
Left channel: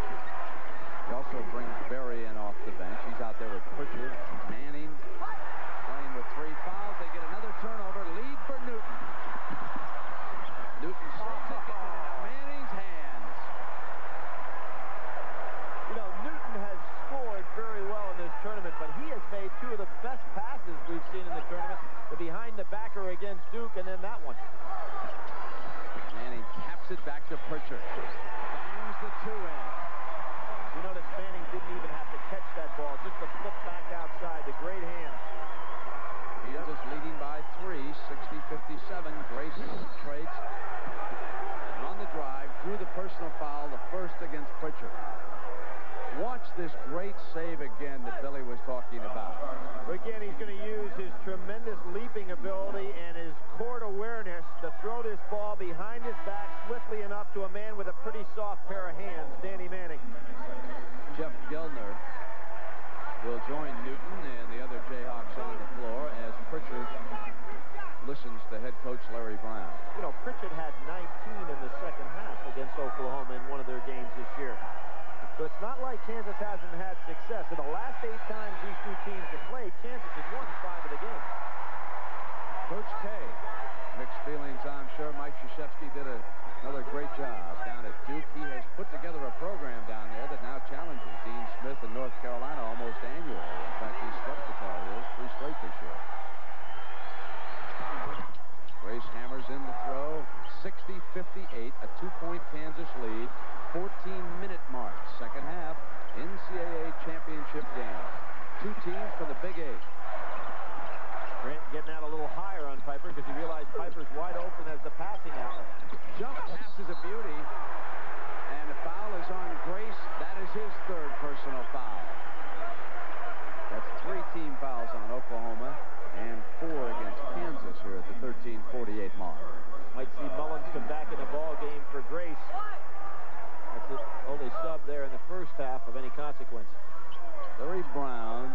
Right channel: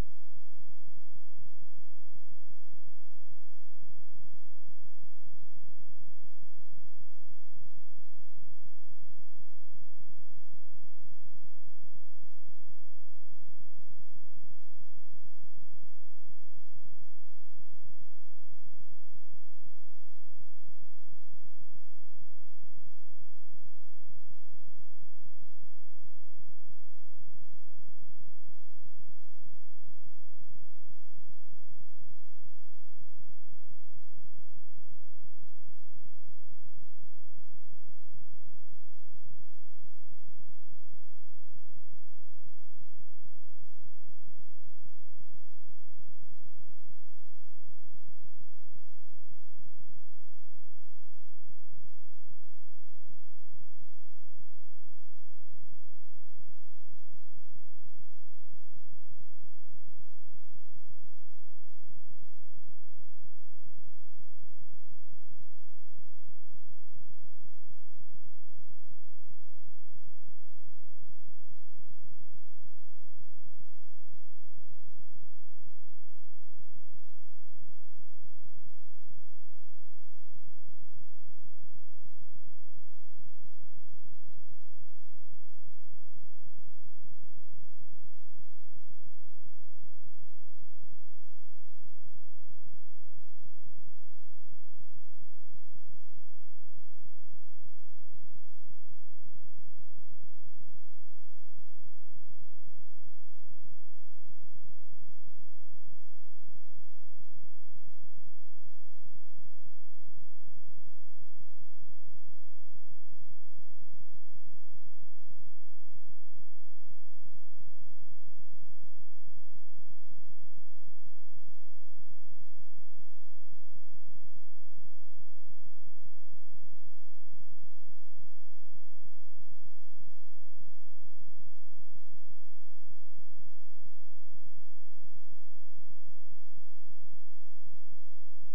He also brings Berry in off the bench. He's out there with Pritchard, Manning, playing with 3 fouls. They get another turnover, lead for Newton. Newton slips it into Manning's hands. You know, Newton has scored very well in this tournament, but he has made 2 of the best passes we've seen in the tournament. The behind-the-backer against Duke, and then that one. Manning taps it back to Pritchard. Bangs the 2 in. You notice Manning didn't even have to catch that ball, just to flip back outside. The great hands. Kansas leading by 3, 60-57. Grace trades. And on the drive, drew the personal foul, the first against Pritchard. Watch this great save again that Billy was talking about. Again, he's going to use his tremendous leaping ability and his court awareness to throw this ball behind his back swiftly enough to a man with a pretty soft pair of hands, Danny Manning. Jeff Gelner will join Newton and the other Jayhawks on the floor as Pritchard listens to head coach Larry Brown. You know, Pritchard had 19 in the second half against Oklahoma in one of their games this year. So it's not like Kansas hasn't had success. In the last 8 times these 2 teams have played, Kansas has won 5 of the games. Coach K, mixed feelings, I'm sure. Mike Krzyzewski did another great job down at Duke. He has put together a program down there that now challenges Dean Smith in North Carolina almost annually. In fact, he's swept the Tar Heels 3 straight this year. Grace hammers in the throw. 60-58, a 2-point Kansas lead. 14-minute mark, second half, NCAA championship game. first half of any consequence. Larry Brown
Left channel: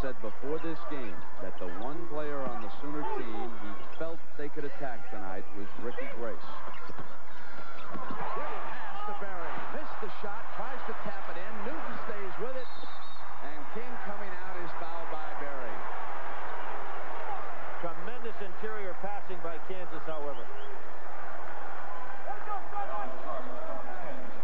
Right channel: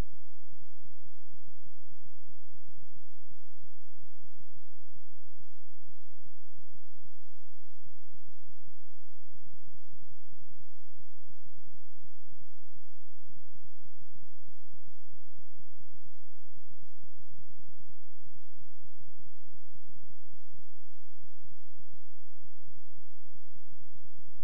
said before this game that the one player on the Sooner team he felt they could attack tonight was Ricky Grace. Good pass to Berry. Missed the shot, tries to tap it in. Newton stays with it. And King coming out is fouled by Berry. Tremendous interior passing by Kansas, however.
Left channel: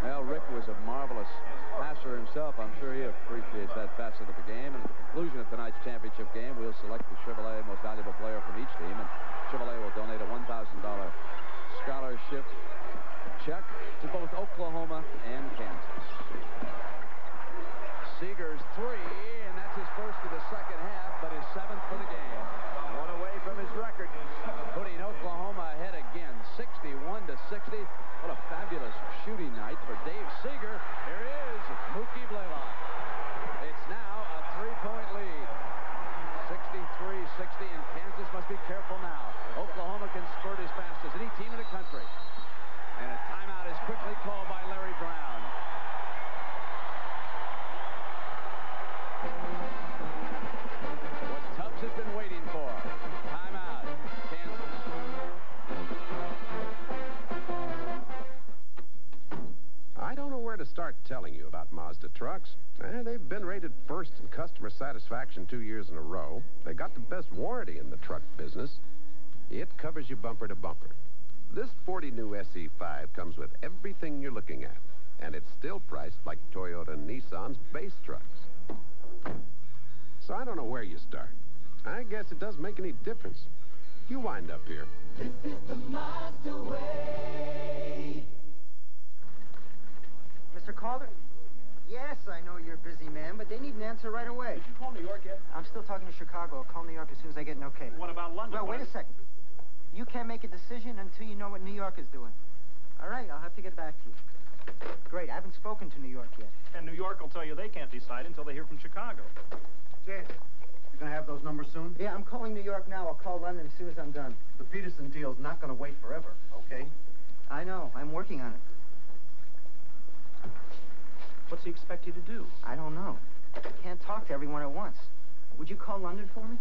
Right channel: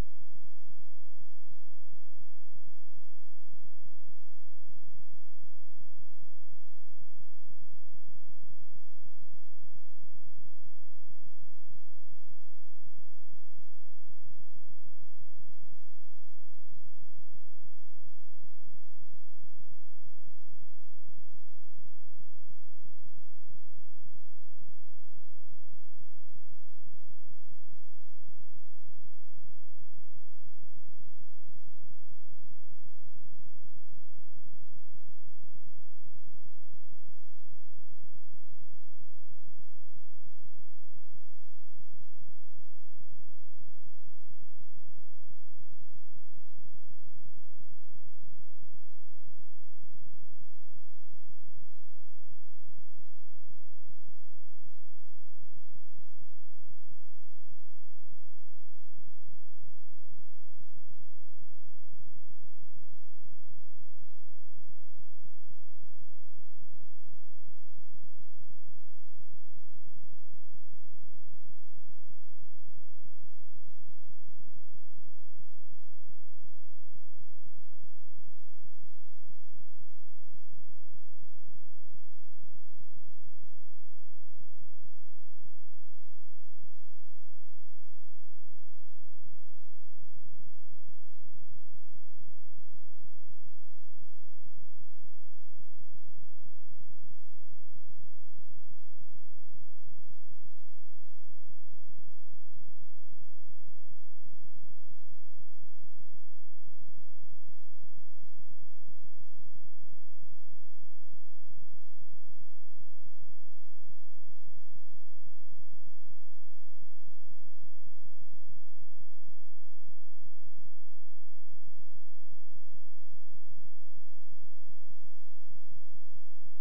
Well, Rick was a marvelous passer himself. I'm sure he appreciates that facet of the game. And at the conclusion of tonight's championship game, we'll select the Chevrolet Most Valuable Player from each team. And Chevrolet will donate a $1,000 scholarship check to both Oklahoma and Kansas. Seeger's three, and that's his first of the second half, but his seventh for the game. One away from his record. Putting Oklahoma ahead again, 61-60. What a fabulous shooting night for Dave Seeger. Here is Mookie Blaylock. It's now a three-point lead. 63-60, and Kansas must be careful now. Oklahoma can spurt as fast as any team in the country. And a timeout is quickly called by Larry Brown. What Tubbs has been waiting for. Timeout, Kansas. I don't know where to start telling you about Mazda trucks. They've been rated first in customer satisfaction 2 years in a row. They got the best warranty in the truck business. It covers you bumper to bumper. This 40 new SE5 comes with everything you're looking at, and it's still priced like Toyota and Nissan's base trucks. So I don't know where you start. I guess it doesn't make any difference. You wind up here. This is the Mazda way. Mr. Calder? Yes, I know you're a busy man, but they need an answer right away. Did you call New York yet? I'm still talking to Chicago. I'll call New York as soon as I get an okay. What about London? Well, wait a second. You can't make a decision until you know what New York is doing. All right, I'll have to get back to you. Great, I haven't spoken to New York yet. And New York will tell you they can't decide until they hear from Chicago. Jan, you're going to have those numbers soon? Yeah, I'm calling New York now. I'll call London as soon as I'm done. The Peterson deal's not going to wait forever, okay? I know. I'm working on it. What's he expect you to do? I don't know. I can't talk to everyone at once. Would you call London for me?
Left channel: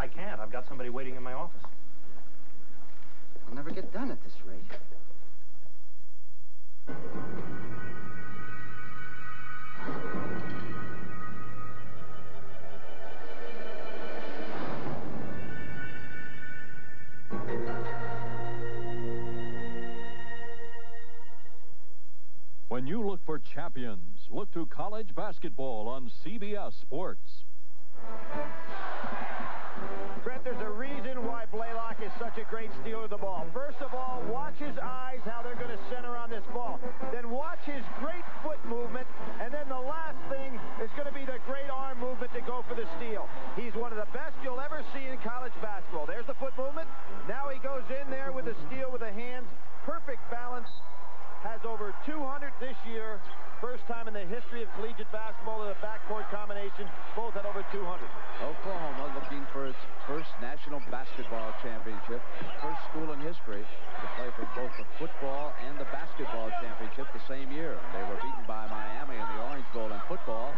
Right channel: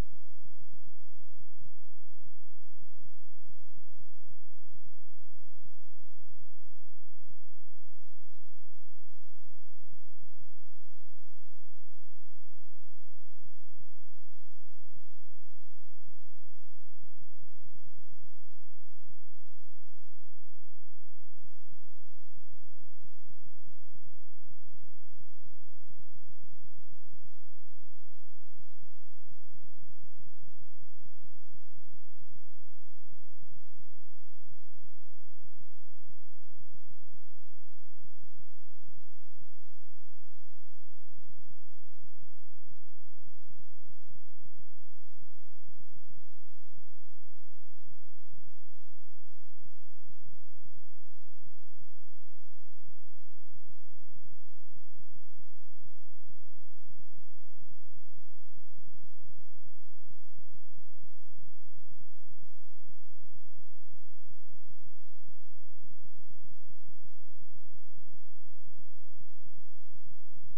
I can't. I've got somebody waiting in my office. I'll never get done at this rate. When you look for champions, look to college basketball on CBS Sports. Brett, there's a reason why Blaylock is such a great stealer of the ball. First of all, watch his eyes, how they're going to center on this ball. Then watch his great foot movement. And then the last thing is going to be the great arm movement to go for the steal. He's one of the best you'll ever see in college basketball. There's the foot movement. Now he goes in there with the steal with the hands. Perfect balance. Has over 200 this year. First time in the history of collegiate basketball in a backcourt combination. Both at over 200. Oklahoma looking for its first national basketball championship. First school in history to play for both the football and the basketball championship the same year. They were beaten by Miami in the Orange Bowl in football.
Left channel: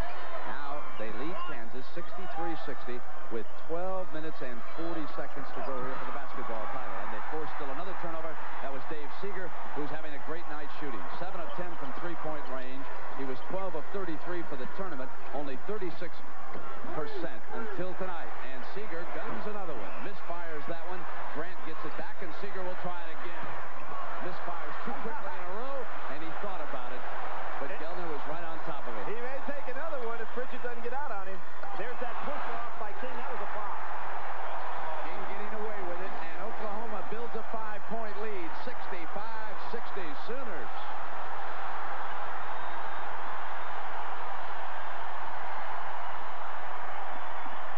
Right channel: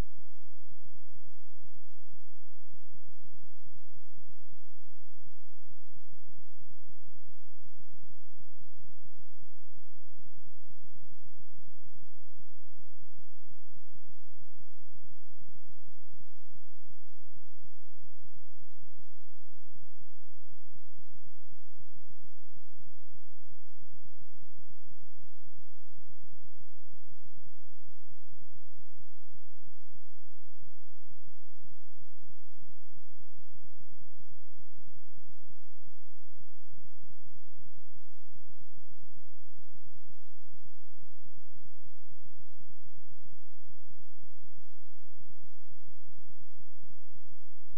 Now they lead Kansas 63-60 with 12 minutes and 40 seconds to go here for the basketball title. And they forced still another turnover. That was Dave Seeger, who's having a great night shooting. 7 of 10 from three-point range. He was 12 of 33 for the tournament, only 36% until tonight. And Seeger guns another one. Misfires that one. Grant gets it back, and Seeger will try it again. Misfires too quickly in a row, and he thought about it. But Gellner was right on top of it. He may take another one if Pritchett doesn't get out on him. There's that push off by King. That was a foul. King getting away with it, and Oklahoma builds a 5-point lead. 65-60 Sooners.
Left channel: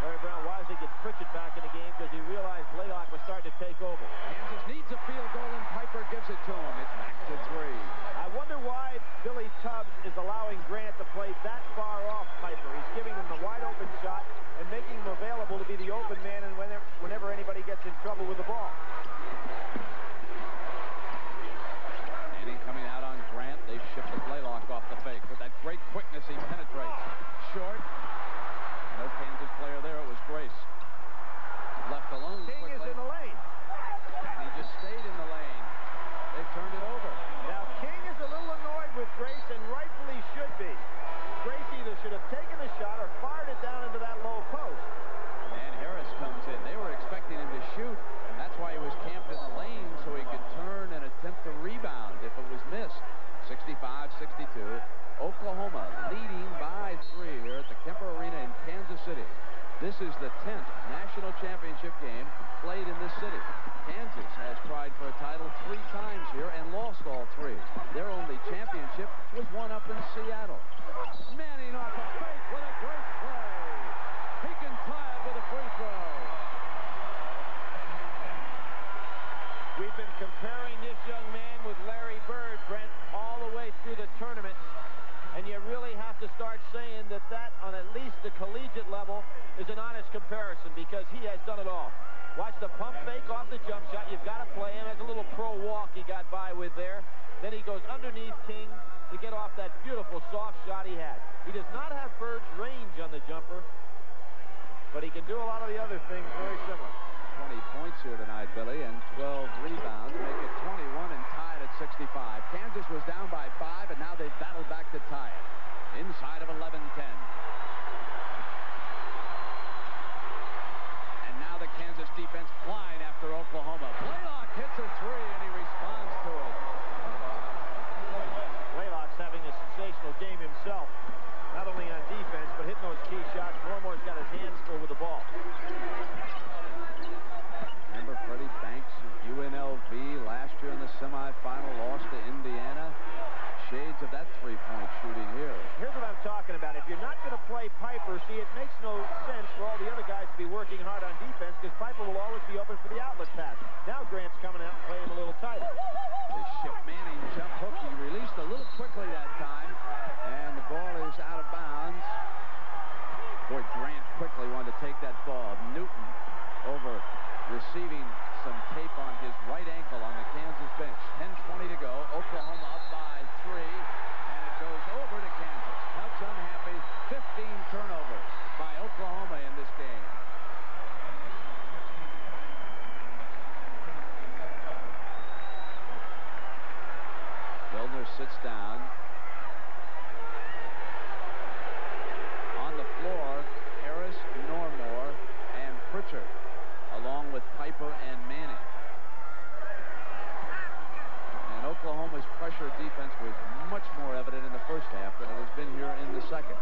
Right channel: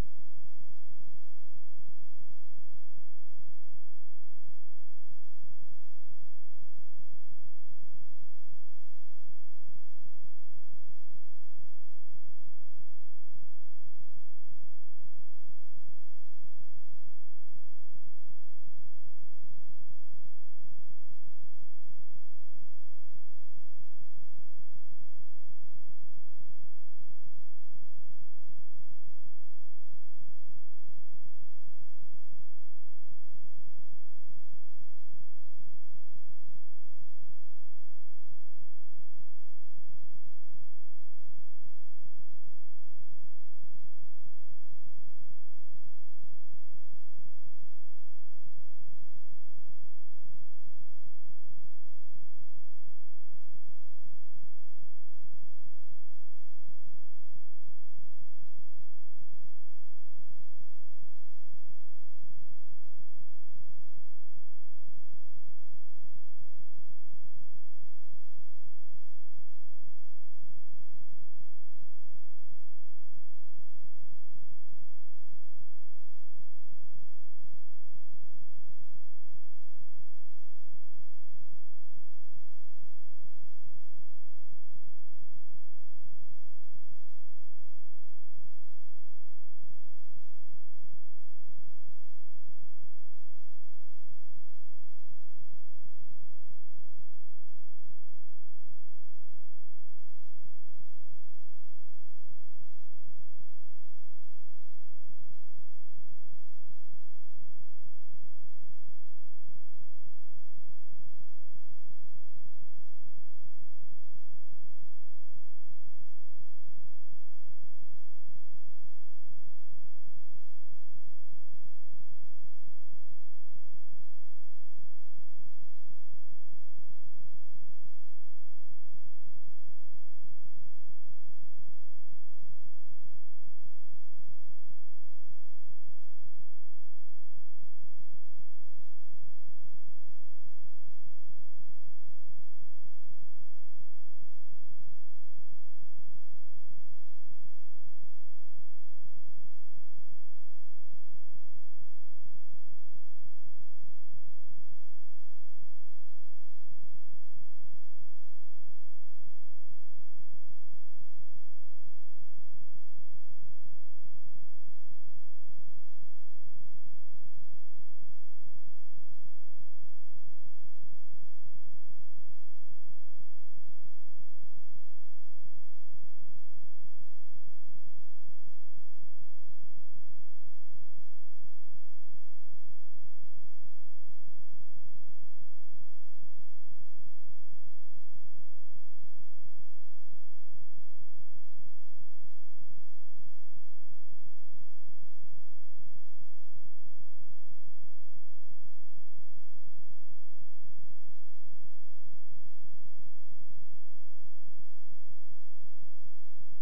Larry Brown wisely gets Pritchett back in the game because he realized Blaylock was starting to take over. Kansas needs a field goal, and Piper gives it to him. It's back to 3. I wonder why Billy Tubbs is allowing Grant to play that far off Piper. He's giving him the wide-open shot and making him available to be the open man and whenever anybody gets in trouble with the ball. Manning coming out on Grant. They ship the Blaylock off the fake with that great quickness. should have taken the shot or fired it down into that low post. And Harris comes in. They were expecting him to shoot. That's why he was camped in the lane, so he could turn and attempt to rebound if it was missed. 65-62. Oklahoma leading by 3 here at the Kemper Arena in Kansas City. This is the 10th national championship game played in this city. Kansas has tried for a title 3 times here and lost all 3. Their only championship was won up in Seattle. Manning off a fake with a great play. He can tie it with a free throw. We've been comparing this young man with Larry Bird, Brent, all the way through the tournament. And you really have to start saying that on at least the collegiate level, is an honest comparison because he has done it all. Watch the pump fake off the jump shot. You've got to play him. Has a little pro walk he got by with there. Then he goes underneath King to get off that beautiful soft shot he had. He does not have Bird's range on the jumper, but he can do a lot of the other things very similar. 20 points here tonight, Billy, and 12 rebounds. Make it 21 and tied at 65. Kansas was down by 5, and now they've battled back to tie it. Inside of 11-10. And now the Kansas defense flying after Oklahoma. Blaylock hits a 3, and he responds to it. Blaylock's having a sensational game himself, not only on defense, but hitting those key shots. Normore's got his hands full with the ball. Remember Freddie Banks of UNLV last year in the semifinal, lost to Indiana. Shades of that three-point shooting here. Here's what I'm talking about. If you're not going to play Piper, see, it makes no sense for all the other guys to be working hard on defense because Piper will always be open for the outlet pass. Now Grant's coming out and playing a little tighter. They ship Manning jump hook. He released a little quickly that time, and the ball is out of bounds. Boy, Grant quickly wanted to take that ball. Newton over receiving some tape on his right ankle on the Kansas bench. 10:20 to go. Oklahoma up by 3, and it goes over to Kansas. Cubs unhappy. 15 turnovers by Oklahoma in this game. Milner sits down. On the floor, Harris, Normore, and Pritchard, along with Piper and Manning. And Oklahoma's pressure defense was much more evident in the first half than it has been here in the second.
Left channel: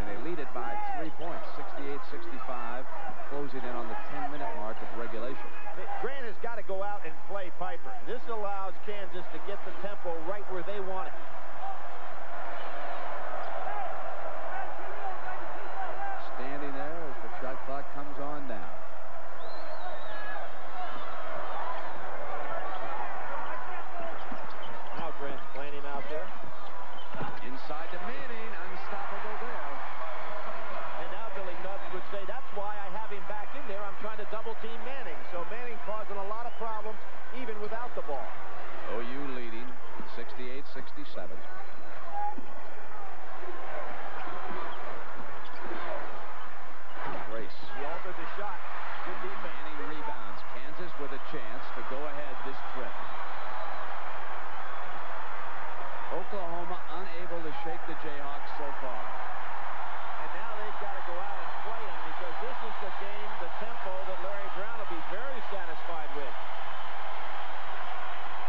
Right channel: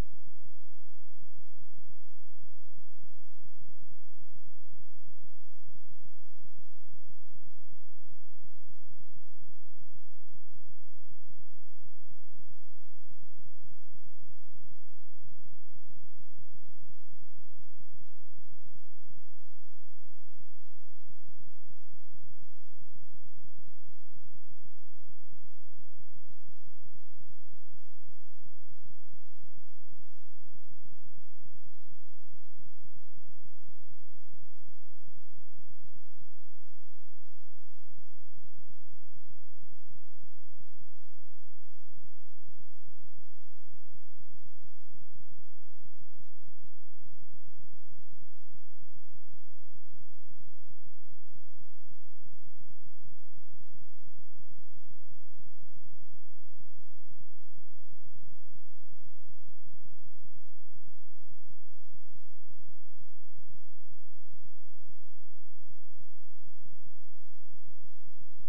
And they lead it by 3 points, 68-65, closing in on the 10-minute mark of regulation. Grant has got to go out and play Piper. This allows Kansas to get the tempo right where they want it. Standing there as the shot clock comes on now. Now Grant's playing him out there. Inside to Manning, unstoppable there. And now Billy Nubbs would say, that's why I have him back in there. I'm trying to double-team Manning. So Manning causing a lot of problems even without the ball. OU leading 68-67. Grace. He altered the shot. Good defense. Manning rebounds. Kansas with a chance to go ahead this trip. Oklahoma unable to shake the Jayhawks so far. And now they've got to go out and play him because this is the game, the tempo that Larry Brown will be very satisfied with.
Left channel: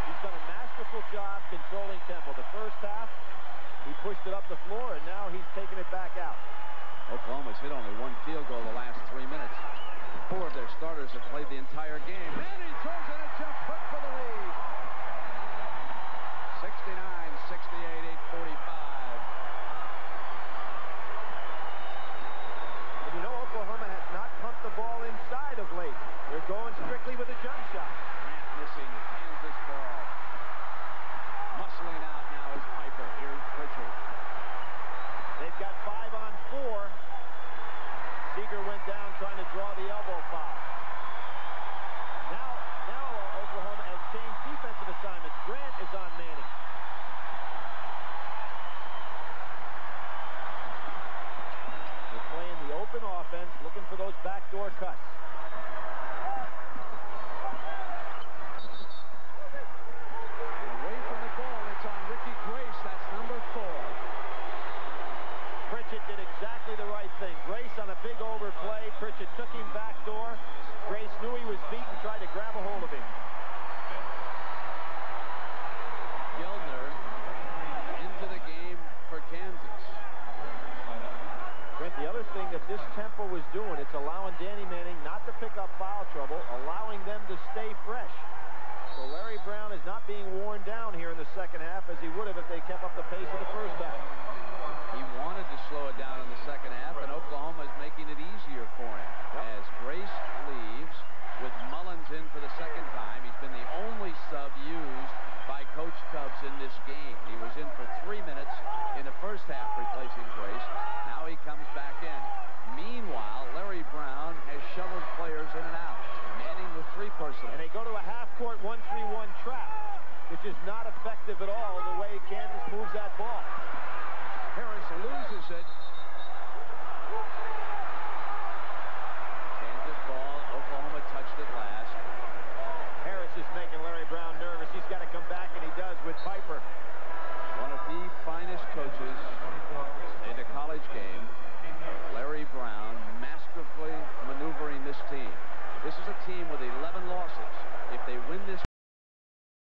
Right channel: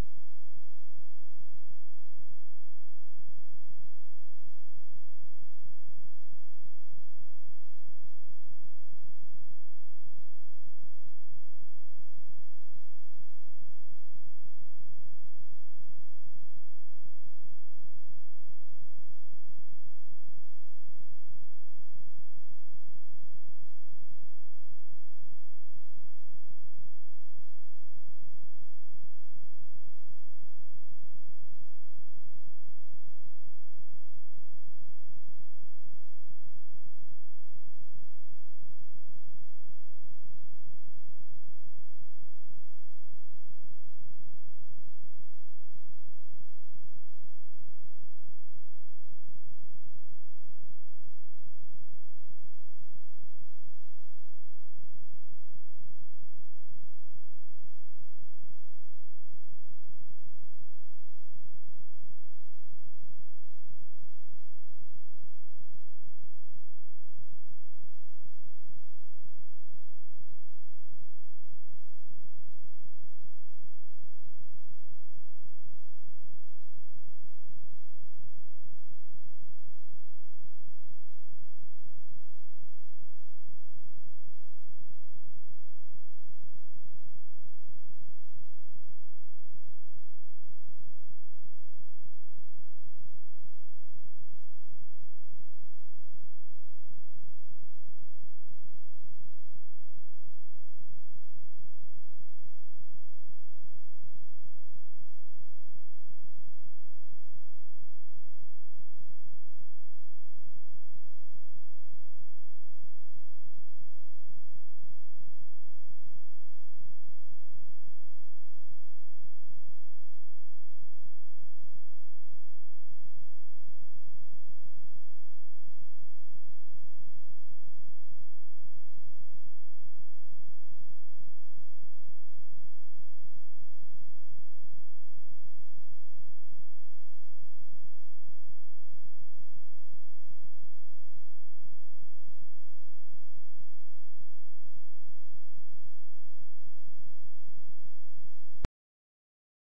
He's done a masterful job controlling tempo. The first half, he pushed it up the floor, and now he's taking it back out. Oklahoma's hit only 1 field goal the last 3 minutes. 4 of their starters have played the entire game. Manning throws in a jump hook for the lead. 69-68, 8:45. And you know Oklahoma has not pumped the ball inside of late. They're going strictly with a jump shot. Grant missing Kansas ball. Muscling out now is Piper. Here's Pritchard. They've got 5 on 4. Seeger went down trying to draw the elbow foul. Now Oklahoma has changed defensive assignments. Grant is on Manning. They're playing the open offense, looking for those backdoor cuts. Away from the ball, it's on Ricky Grace. That's number 4. Pritchard did what this tempo is doing. It's allowing Danny Manning not to pick up foul trouble, allowing them to stay fresh. So Larry Brown is not being worn down here in the second half as he would have if they kept up the pace of the first half.